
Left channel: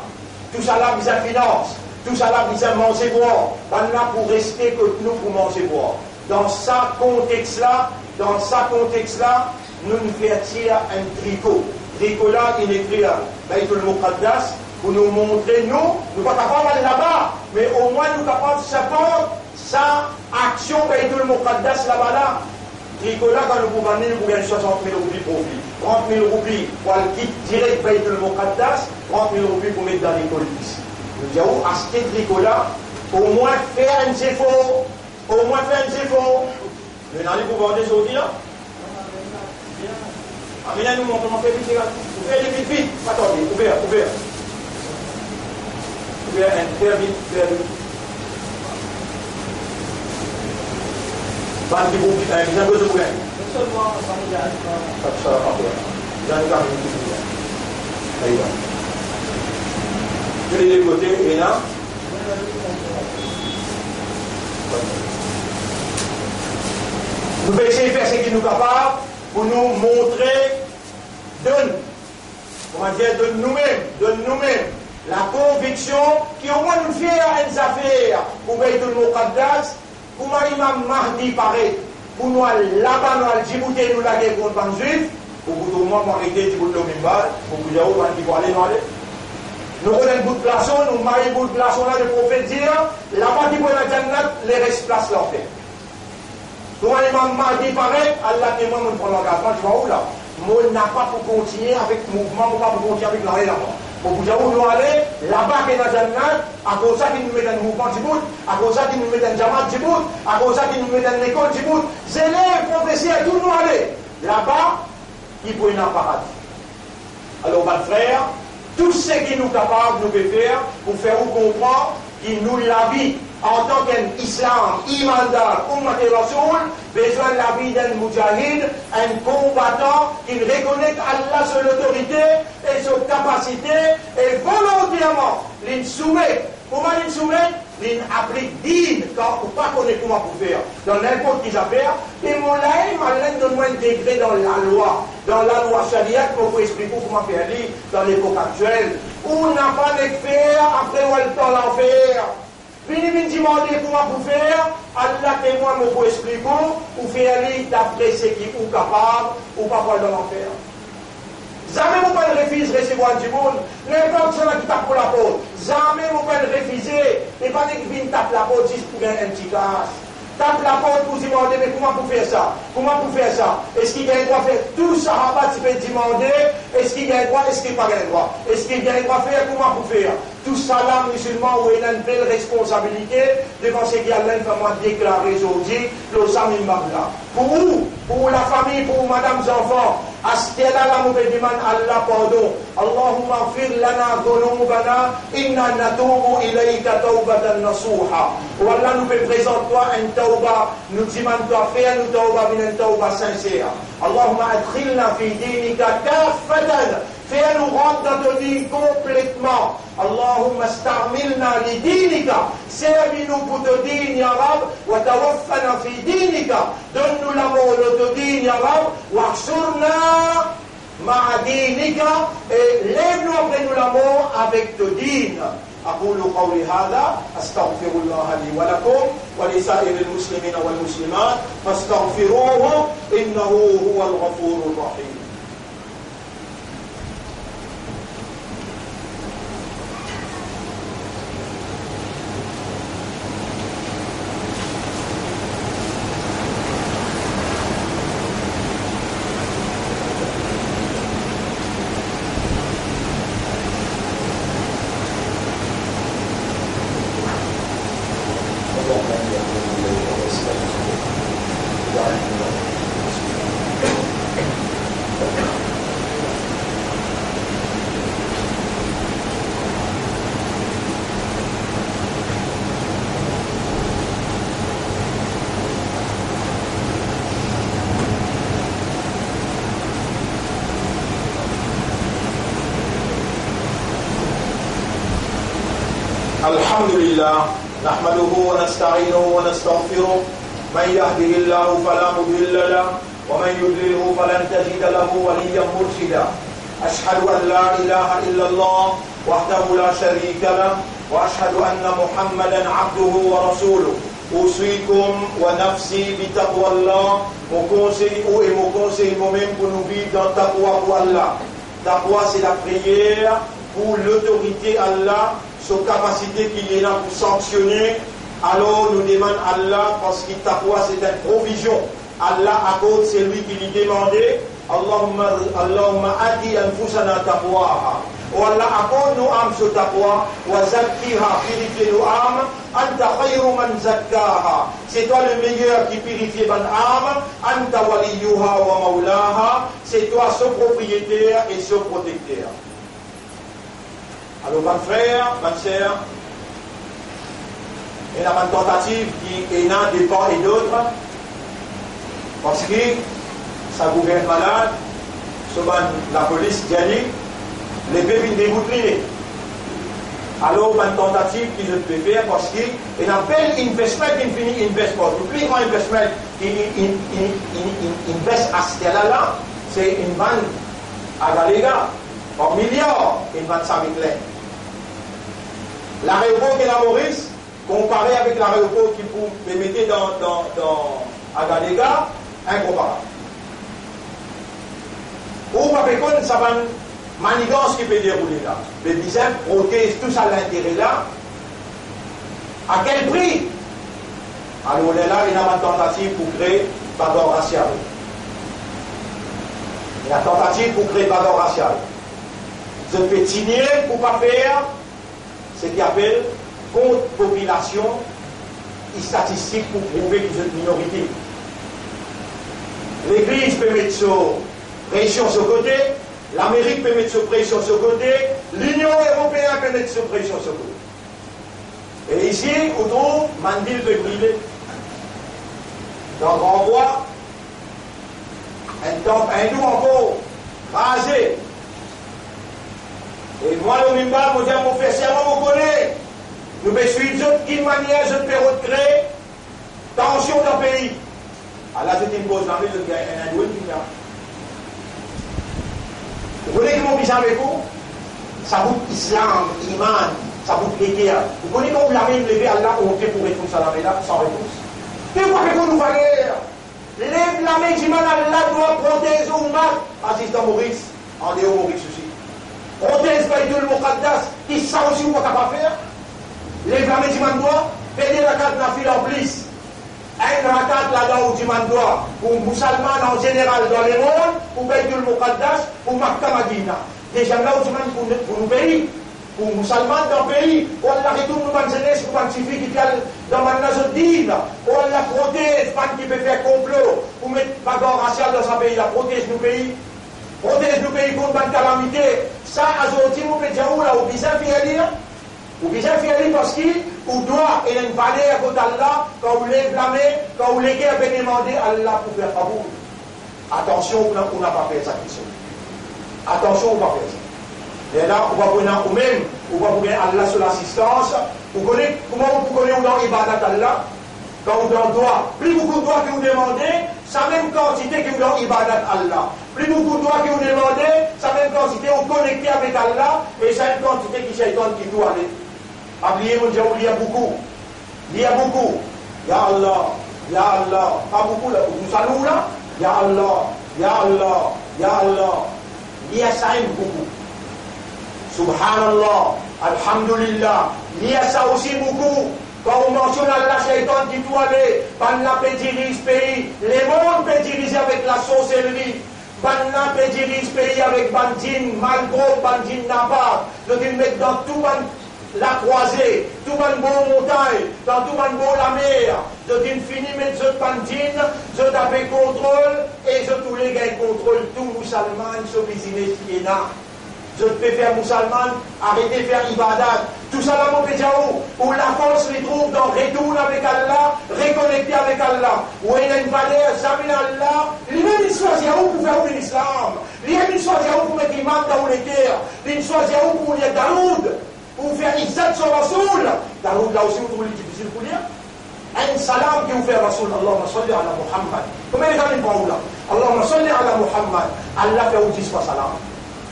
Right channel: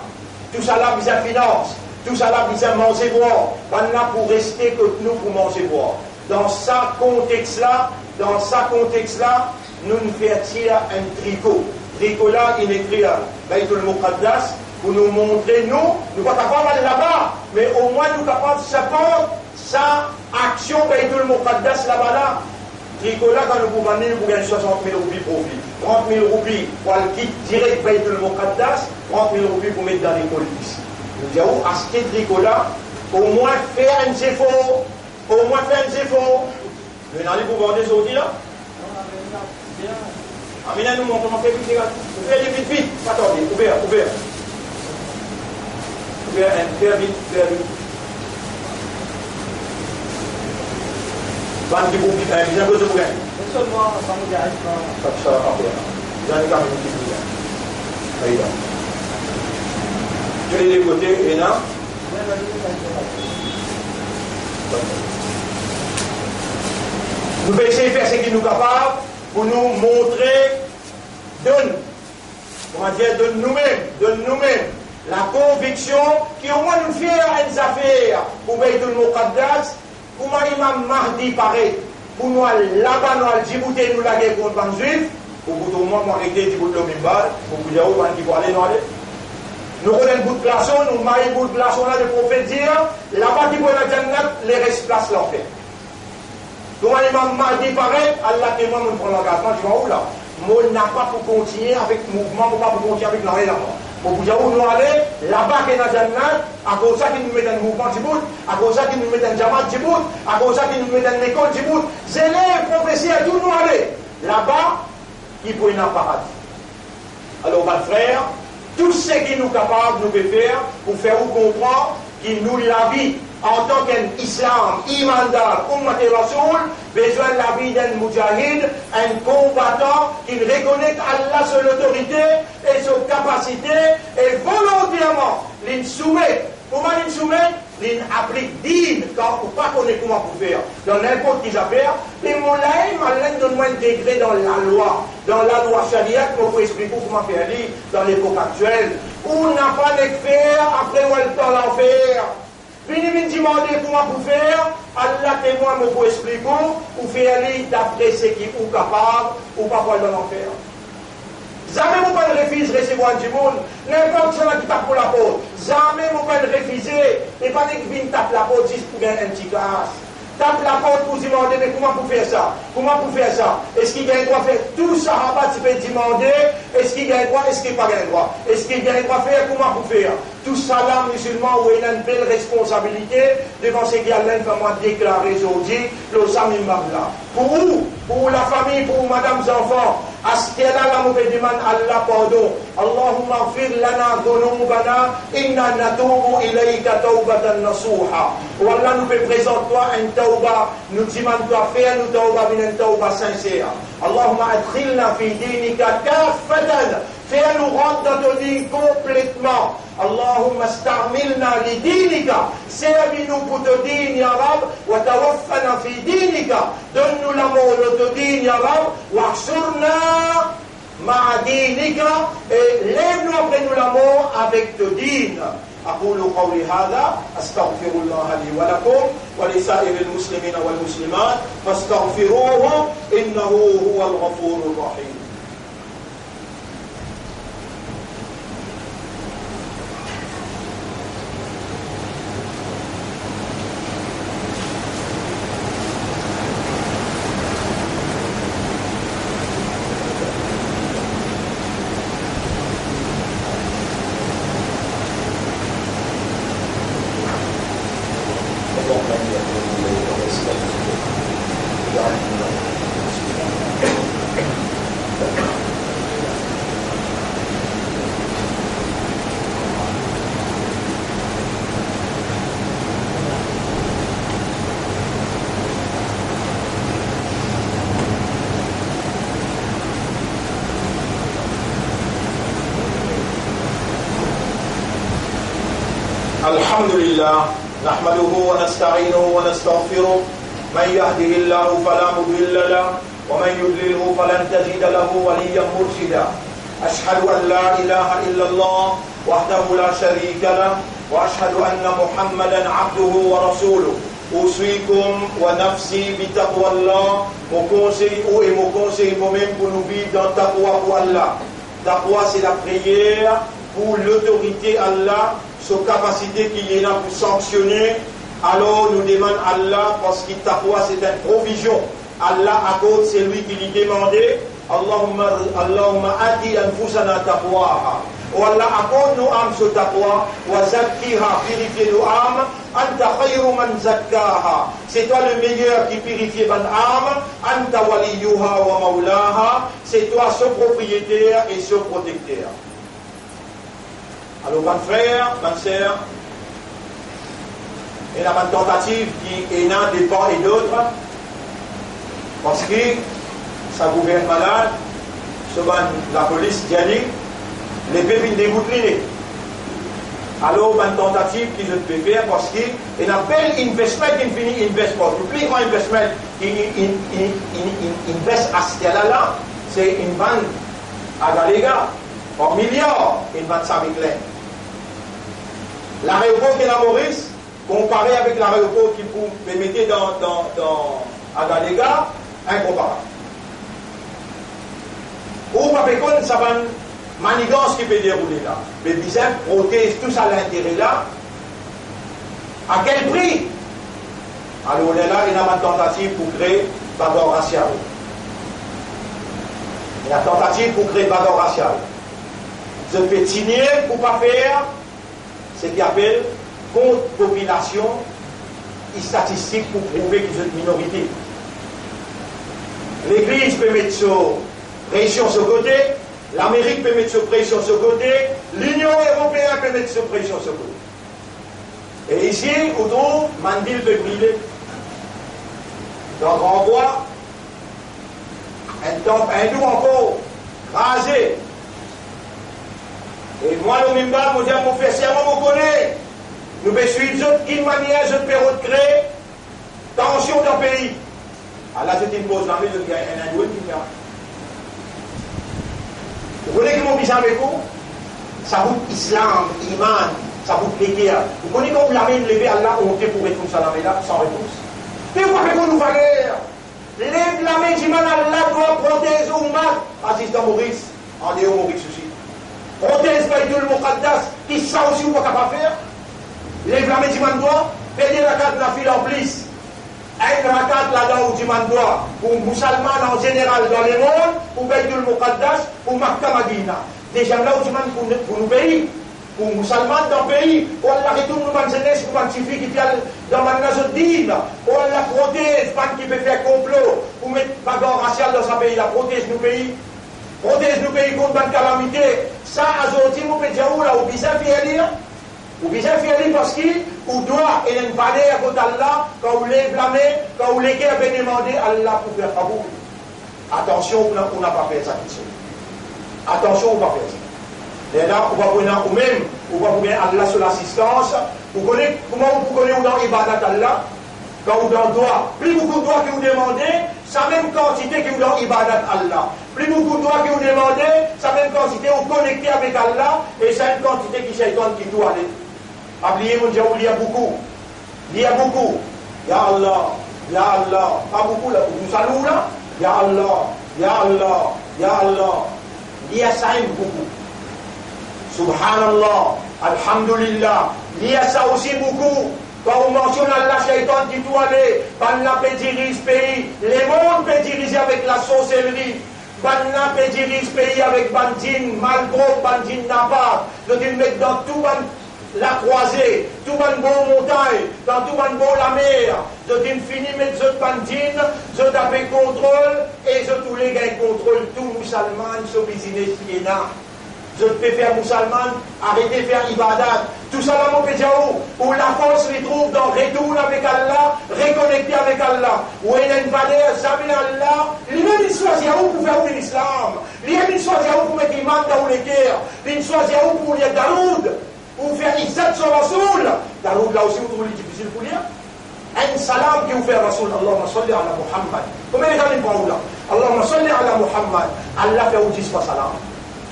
Tout ça là, vous avez finance. Tout ça là, vous avez manger boire. On là pour rester que nous pour manger boire. Dans ce contexte-là, nous nous faisons un tricot. Tricot là, il est écrit Baytul Muqaddas pour nous montrer, nous ne sommes pas capables d'aller là-bas, mais au moins nous sommes capables de support sa action Baytul Muqaddas là-bas là. Tricot là, quand nous pouvons venir, nous gagnons 60 000 roupies profit. 30 000 roupies pour le kit direct Baytul Muqaddas, 30 000 roupies pour mettre dans l'école ici. Nous disons, acheter tricot là, au moins faire un effort. Au moins faire un effort. Nous allons pour vendre aujourd'hui là. Amina nous montre comment faire vite. Ouvrez vite, vite. Attendez, ouvert. Ouvert, faire vite. Ban qui vous bien besoin de vous. Seulement, ça me dit, Ça va pas bien. J'en ai quand même une petite idée. Allez, là. Je l'ai côtés, et là. Nous allons essayer de faire ce qui nous est capable pour nous montrer de nous-mêmes, la conviction qui au moins nous fait une affaire pour Baytul Muqaddas, pour l'imam Mahdi paraît, pour nous là-bas, nous allons Djibouti, nous la guerre contre les Juifs, pour tout le monde arrêter Djibouti au Mimbar, pour que les gens qui vont aller, nous aller. Nous prenons un bout de glaçon, nous maillons un bout de glaçon là, le prophète dit, là-bas qui vont la Jannat, les restes place l'enfer. Pour l'imam Mahdi paraît, Allah témoin, nous prenons l'engagement, je vois où là. Moi, n'a pas pour continuer avec le mouvement, pas pour continuer avec l'arrêt là-bas. Pour vous dire où nous aller, là-bas qui est dans Jannat, à cause de ça qui nous met dans le mouvement Djibouti, à cause de ça qui nous met dans le Jamaat Djibouti, à cause de ça qui nous met dans l'école Djibouti, c'est les prophéties à tout nous aller. Là-bas, il faut une paradis. Alors, ma frère, tout ce qui nous est capable, nous peut faire pour faire vous comprendre qu'il nous la vie en tant qu'islam, imandar, ummat et rasoul, besoin de la vie d'un moudjahid, un combattant qui reconnaît Allah sur l'autorité et sur capacité et volontairement l'in soumet. Comment l'in soumet? L'in applique digne, quand on ne pas connaître comment pour faire. Dans n'importe qui affaire, et mon laïm, Allah donne-moi un degré dans la loi charia, pour vous expliquer comment faire dans l'époque actuelle. On n'a pas de faire, après on a le temps d'en faire. Vini demander comment pour faire, Allah témoin me pour expliquer, pour faire d'après ce qui est capable, ou pas pour dans l'enfer. Jamais vous ne refusez de recevoir du monde, n'importe qui qui tape pour la porte. Jamais vous ne refusez, et pas que vous tape la porte juste pour gagner un petit casse. Tape la porte pour demander, mais comment pour faire ça? Comment pour faire ça? Est-ce qu'il y a un droit de faire tout ça? Tu peux demander, est-ce qu'il y a un droit? Est-ce qu'il n'y a pas un droit? Est-ce qu'il y a un droit de faire? Comment pour faire? Tout ça là, musulman, où il a une belle responsabilité devant ce qu'il y a là, comment déclarer aujourd'hui, le Samim Mabla. Pour vous, pour la famille, pour madame, enfants, à ce qu'il y a là, nous demandons Allah pardon. Allahumma fir lana dhunubana, inna natubu ilayka tawbatan nasuha. Ou Allah nous fait présenter toi un tawba, nous demandons toi faire nous tawba, une tawba sincère. Allahumma adkhilna fi dinika kaffatan. Fais-nous rentrer dans ton dîne complètement. Allahumma starmilna li dinika. Servis-nous pour ton dîne, ya Rab. Wa tawaffana fi dinika. Donne-nous l'amour de ton dîne, ya Rab. Wa ahsurna ma'a dinika. Et lève-nous après nous l'amour avec ton dîne. أقول قولي هذا أستغفر الله لي ولكم ولسائر المسلمين والمسلمات فاستغفروه إنه هو الغفور الرحيم. الحمد لله نحمده ونستعينه ونستغفره من يهده الله فلا مضل له ومن يضلله فلن تجد له وليا مرشدا أشهد أن لا إله إلا الله وحده لا شريك له وأشهد أن محمدا عبده ورسوله أوصيكم ونفسي بتقوى الله mon conseil moi-même pour nous vivre dans taqwa pour Allah. Taqwa c'est la prière pour l'autorité Allah, sa capacité qu'il est là pour sanctionner. Alors nous demandons Allah parce que taqwa c'est une provision. Allah accorde, c'est lui qui lui demandait. Allahumma ati anfusana taqwaha. Oh Allah, accorde nos âmes ce taqwa, wa zakkiha, purifie nos âmes, anta khayru man zakkaha. C'est toi le meilleur qui purifie mon âme, anta waliyuha wa maulaha. C'est toi ce propriétaire et ce protecteur. Alors, mon frère, ma soeur, il y a une tentative qui est là des part et d'autres, parce que ça gouverne malade, souvent la police dit, les bébés déboutlinés. Alors, une tentative que je peux faire, parce qu'il y a un bel investment qui finit investment. Le plus grand investment qui investe à ce là, c'est une bande à Galéga, en milliards, une bande Saint-Michel. L'aéroport qui est à Maurice, comparé avec l'aéroport qui vous mettez dans Agalega, incomparable. Ou pas pécon, ça va une manigance qui peut dérouler là. Les bisables protègent tout ça à l'intérêt là. À quel prix? Alors là, il y a une tentative pour créer bagarre raciale. Il y a une tentative pour créer bagarre raciale. Je peux signer pour ne pas faire ce qu'il appelle contre population et statistique pour prouver qu'ils sont une minorité. L'Église peut mettre sur pression sur côté, l'Amérique peut mettre sur pression sur côté, l'Union européenne peut mettre sur pression sur côté. Et ici, autour, Mandil peut brûler. Donc on voit un temple hindou encore rasé. Et moi, le Mimba, je dis à mon frère, serment, vous connaissez. Nous pouvons suivre d'une manière, je peux créer tension dans le pays. Alors là, je te pose la main, je dis, un hindou qui vient. Vous connaissez comment on avec vous? Ça vous islam, iman, ça vous plaît. Vous connaissez comment vous l'avez levé à Allah, on pour répondre à la main là, sans réponse. Mais vous avez nous valeur. Lève la main, d'Iman, Allah doit protéger au mal. Assistant Maurice, en Léo Maurice aussi. Protège Baïdoul Mokaddas, qui ça aussi vous ne pouvez pas faire. Lève la main, d'Iman doit, pédé la carte la file en plus. Un rakat là-dedans où d'Iman doit, pour musulmans en général dans le monde, pour Baïdoul Mokaddas, pour Makka Madina. Déjà là où d'Iman pour nos pays. Pour les musulmans dans le pays, on la retourne dans la jeunesse, pour les filles qui sont dans la nazodine, on la protège, pas qui peut faire complot, pour mettre bagarre raciale dans ce pays, la protège nos pays contre une calamité. Ça, aujourd'hui, on peut dire où là, on bizarre fier parce qu'on doit, et une valeur à côté d'Allah, quand vous les blâmez, quand vous les guerres, bien demander Allah pour faire favor. Attention, on n'a pas fait ça. Attention, on n'a pas fait ça. Et là, on va prendre nous-mêmes, on va prendre Allah sur l'assistance. Vous connaissez comment vous connaissez dans l'Ibadat Allah? Quand vous dans droit, plus beaucoup de droits que vous demandez, sa même quantité que vous dans l'Ibadat Allah. Plus beaucoup de droits que vous demandez, sa même quantité vous connectez avec Allah, et c'est une quantité qui shaitan qui doit aller. Oubliez mon Dieu, il y a beaucoup. Il y a beaucoup. Ya Allah, Ya Allah. Pas beaucoup là, vous saluez là? Ya Allah, Ya Allah, Ya Allah. Il y a ça beaucoup. Subhanallah, Alhamdulillah, il y a ça aussi beaucoup. Quand on mentionne Allah, Shaitan qui doit aller, Banna peut diriger ce pays, les mondes peut diriger avec la sorcellerie, Banna peut diriger ce pays avec Bandine, Malbro, Bandine Napa, de le mettre dans tout la croisée, tout le bon montagne, dans tout le bon la mer, je dis fini mettre ce Bandine, je tape contrôle, et je tous les gars contrôle tout musulman, ce business qui est là. Je peux faire musulman, arrêter de faire ibadat. Tout ça là, mon pédiao, où la force se trouve dans retour avec Allah, reconnecter avec Allah. Où il y a une valeur, jamais Allah. Lui-même, il choisit où pour faire l'islam. Lui-même, il choisit où pour mettre l'imam dans les terres. Il choisit où pour lire Daoud. Pour faire Izzat sur Rasoul. Daoud, là aussi, vous trouvez difficile pour lire. Un salam qui vous fait Rasoul. Allahumma salli ala Muhammad. Combien les gens ils parlent là? Allahumma salli ala Muhammad. Allah fait où 10 fois salam.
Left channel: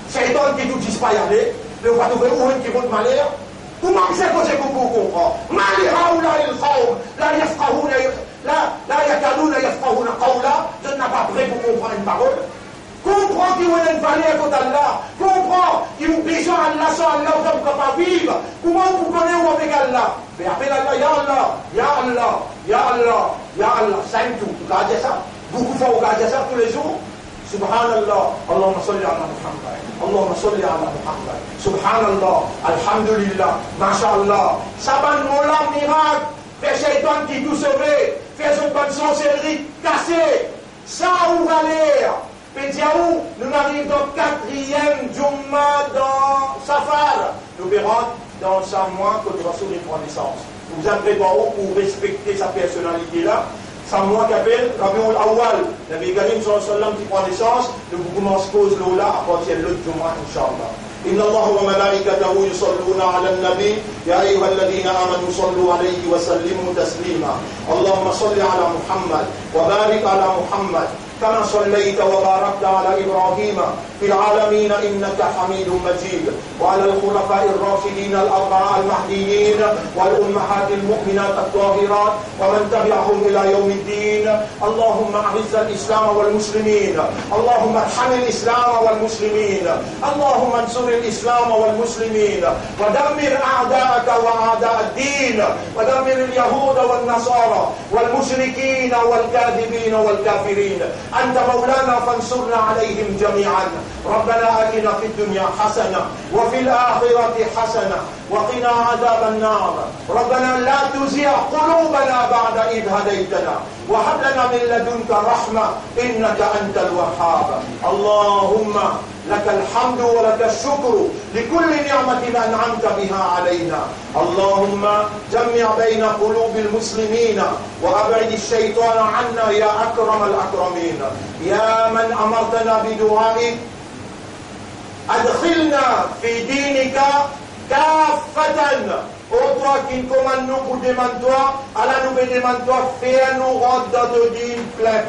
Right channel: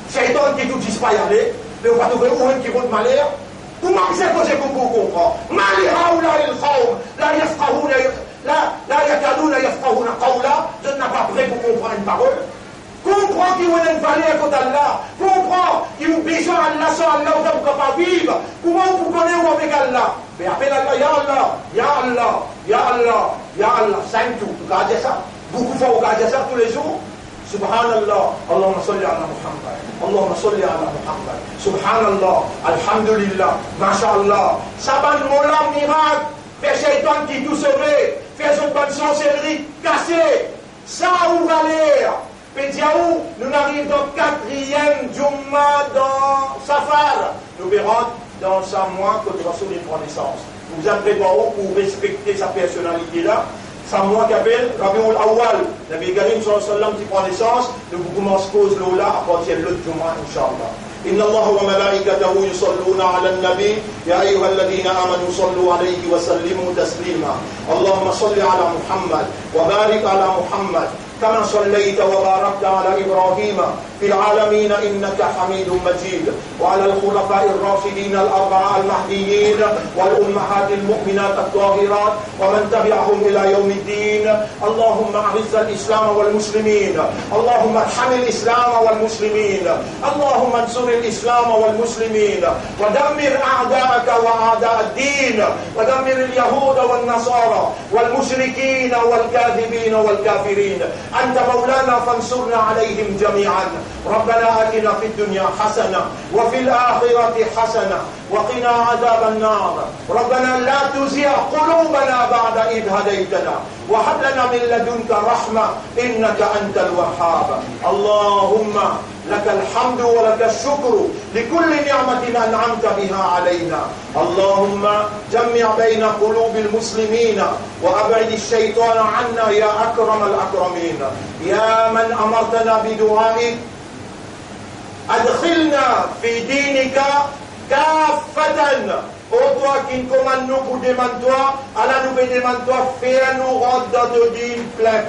Shaitan qui ne dit pas y aller, mais on va trouver où qui vont de malheur. Comment c'est que j'ai compris? Mali haoula il khawm, la yafqahouna, la yakalouna yafqahouna qawla, je n'ai pas prêt pour comprendre une parole. Comprends qu'il y a une valeur contre Allah. Comprends qu'il y a besoin d'Allah sans Allah, on ne peut pas vivre. Comment vous connaissez où avec Allah? Mais appelle Allah, Ya Allah, Ya Allah, Ya Allah, Ya Allah. Ça aime tout. Vous gardez ça. Beaucoup de fois, vous gardez ça tous les jours. Subhanallah, Allahumma salli ala Muhammad, Allahumma salli ala Muhammad, Subhanallah, Alhamdulillah, Masha'Allah. Ça va nous montrer miracle, fait Shaitan qui tout sauvé, fait son bonne sorcellerie cassée. Ça où aller? Pédiaou, nous arrivons dans le 4e Jumma dans Safar. Nous verrons dans 5 mois que le Rasoul prend naissance. Nous vous en préparons pour respecter sa personnalité là. 5 mois qu'appelle Rabiul Awwal. Nabi Karim sallallahu alayhi wa sallam qui prend naissance. Nous commençons cause là à partir de l'autre Jumma, Inch'Allah. إن الله وملائكته يصلون على النبي يا أيها الذين آمنوا صلوا عليه وسلموا تسليما اللهم صل على محمد وبارك على محمد كما صليت وباركت على إبراهيم في العالمين إنك حميد مجيد وعلى الخلفاء الراشدين الأربعة المهديين والأمهات المؤمنات الطاهرات ومن تبعهم إلى يوم الدين اللهم أعز الإسلام والمسلمين اللهم ارحم الإسلام والمسلمين اللهم انصر الإسلام والمسلمين ودمر أعداءك وأعداء الدين ودمر اليهود والنصارى والمشركين والكاذبين والكافرين أنت مولانا فانصرنا عليهم جميعا ربنا آتنا في الدنيا حسنة وفي الآخرة حسنة وقنا عذاب النار ربنا لا تزغ قلوبنا بعد إذ هديتنا وهب لنا من لدنك رحمة إنك أنت الوهاب اللهم لك الحمد ولك الشكر لكل نعمة أنعمت بها علينا اللهم جمع بين قلوب المسلمين وأبعد الشيطان عنا يا أكرم الأكرمين يا من أمرتنا بدعائك أدخلنا في دينك كافة ô toi qui nous commande nous pour demander toi, Allah nous demande toi, fais-nous rentrer dans ton dîme plein.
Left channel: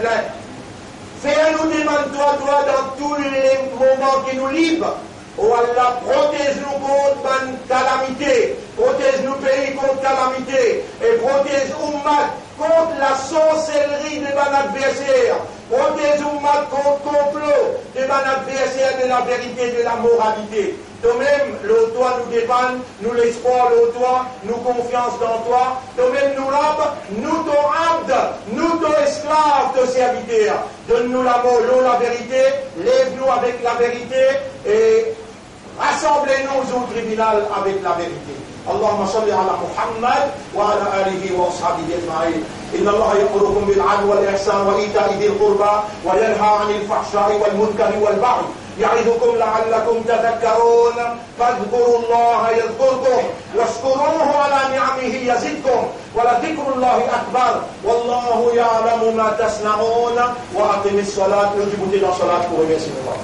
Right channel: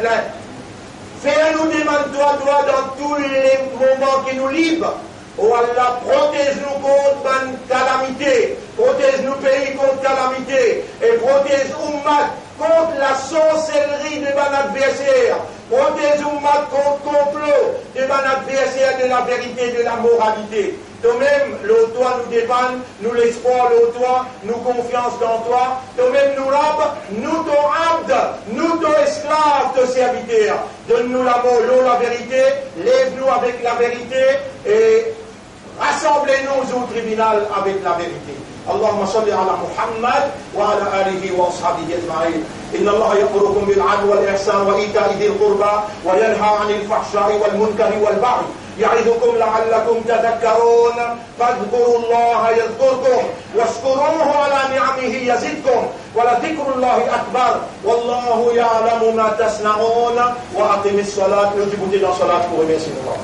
Fais-nous demander toi dans tous les moments qui nous livrent. Oh Allah, protège-nous contre une calamité, protège-nous pays contre calamité, et protège Ummat contre la sorcellerie de mon adversaire, protège Ummat contre complot de mon adversaire de la vérité, de la moralité. Toi-même, le toi nous dépend, nous l'espoir, le toi, nous confiance dans toi. Toi-même, nous rab, nous ton abd, nous ton esclave, ton serviteur. Donne-nous l'amour, la vérité, lève-nous avec la vérité et rassemblez-nous au tribunal avec la vérité. اللهم صل على محمد وعلى آله وأصحابه أجمعين إن الله يأمركم بالعدل والإحسان وإيتاء ذي القربى وينهى عن الفحشاء والمنكر والبغي يعظكم لعلكم تذكرون فاذكروا الله يذكركم واشكروه على نعمه يزدكم ولذكر الله أكبر والله يعلم ما تصنعون وأقم الصلاة يجب تنا صلاة ورسول الله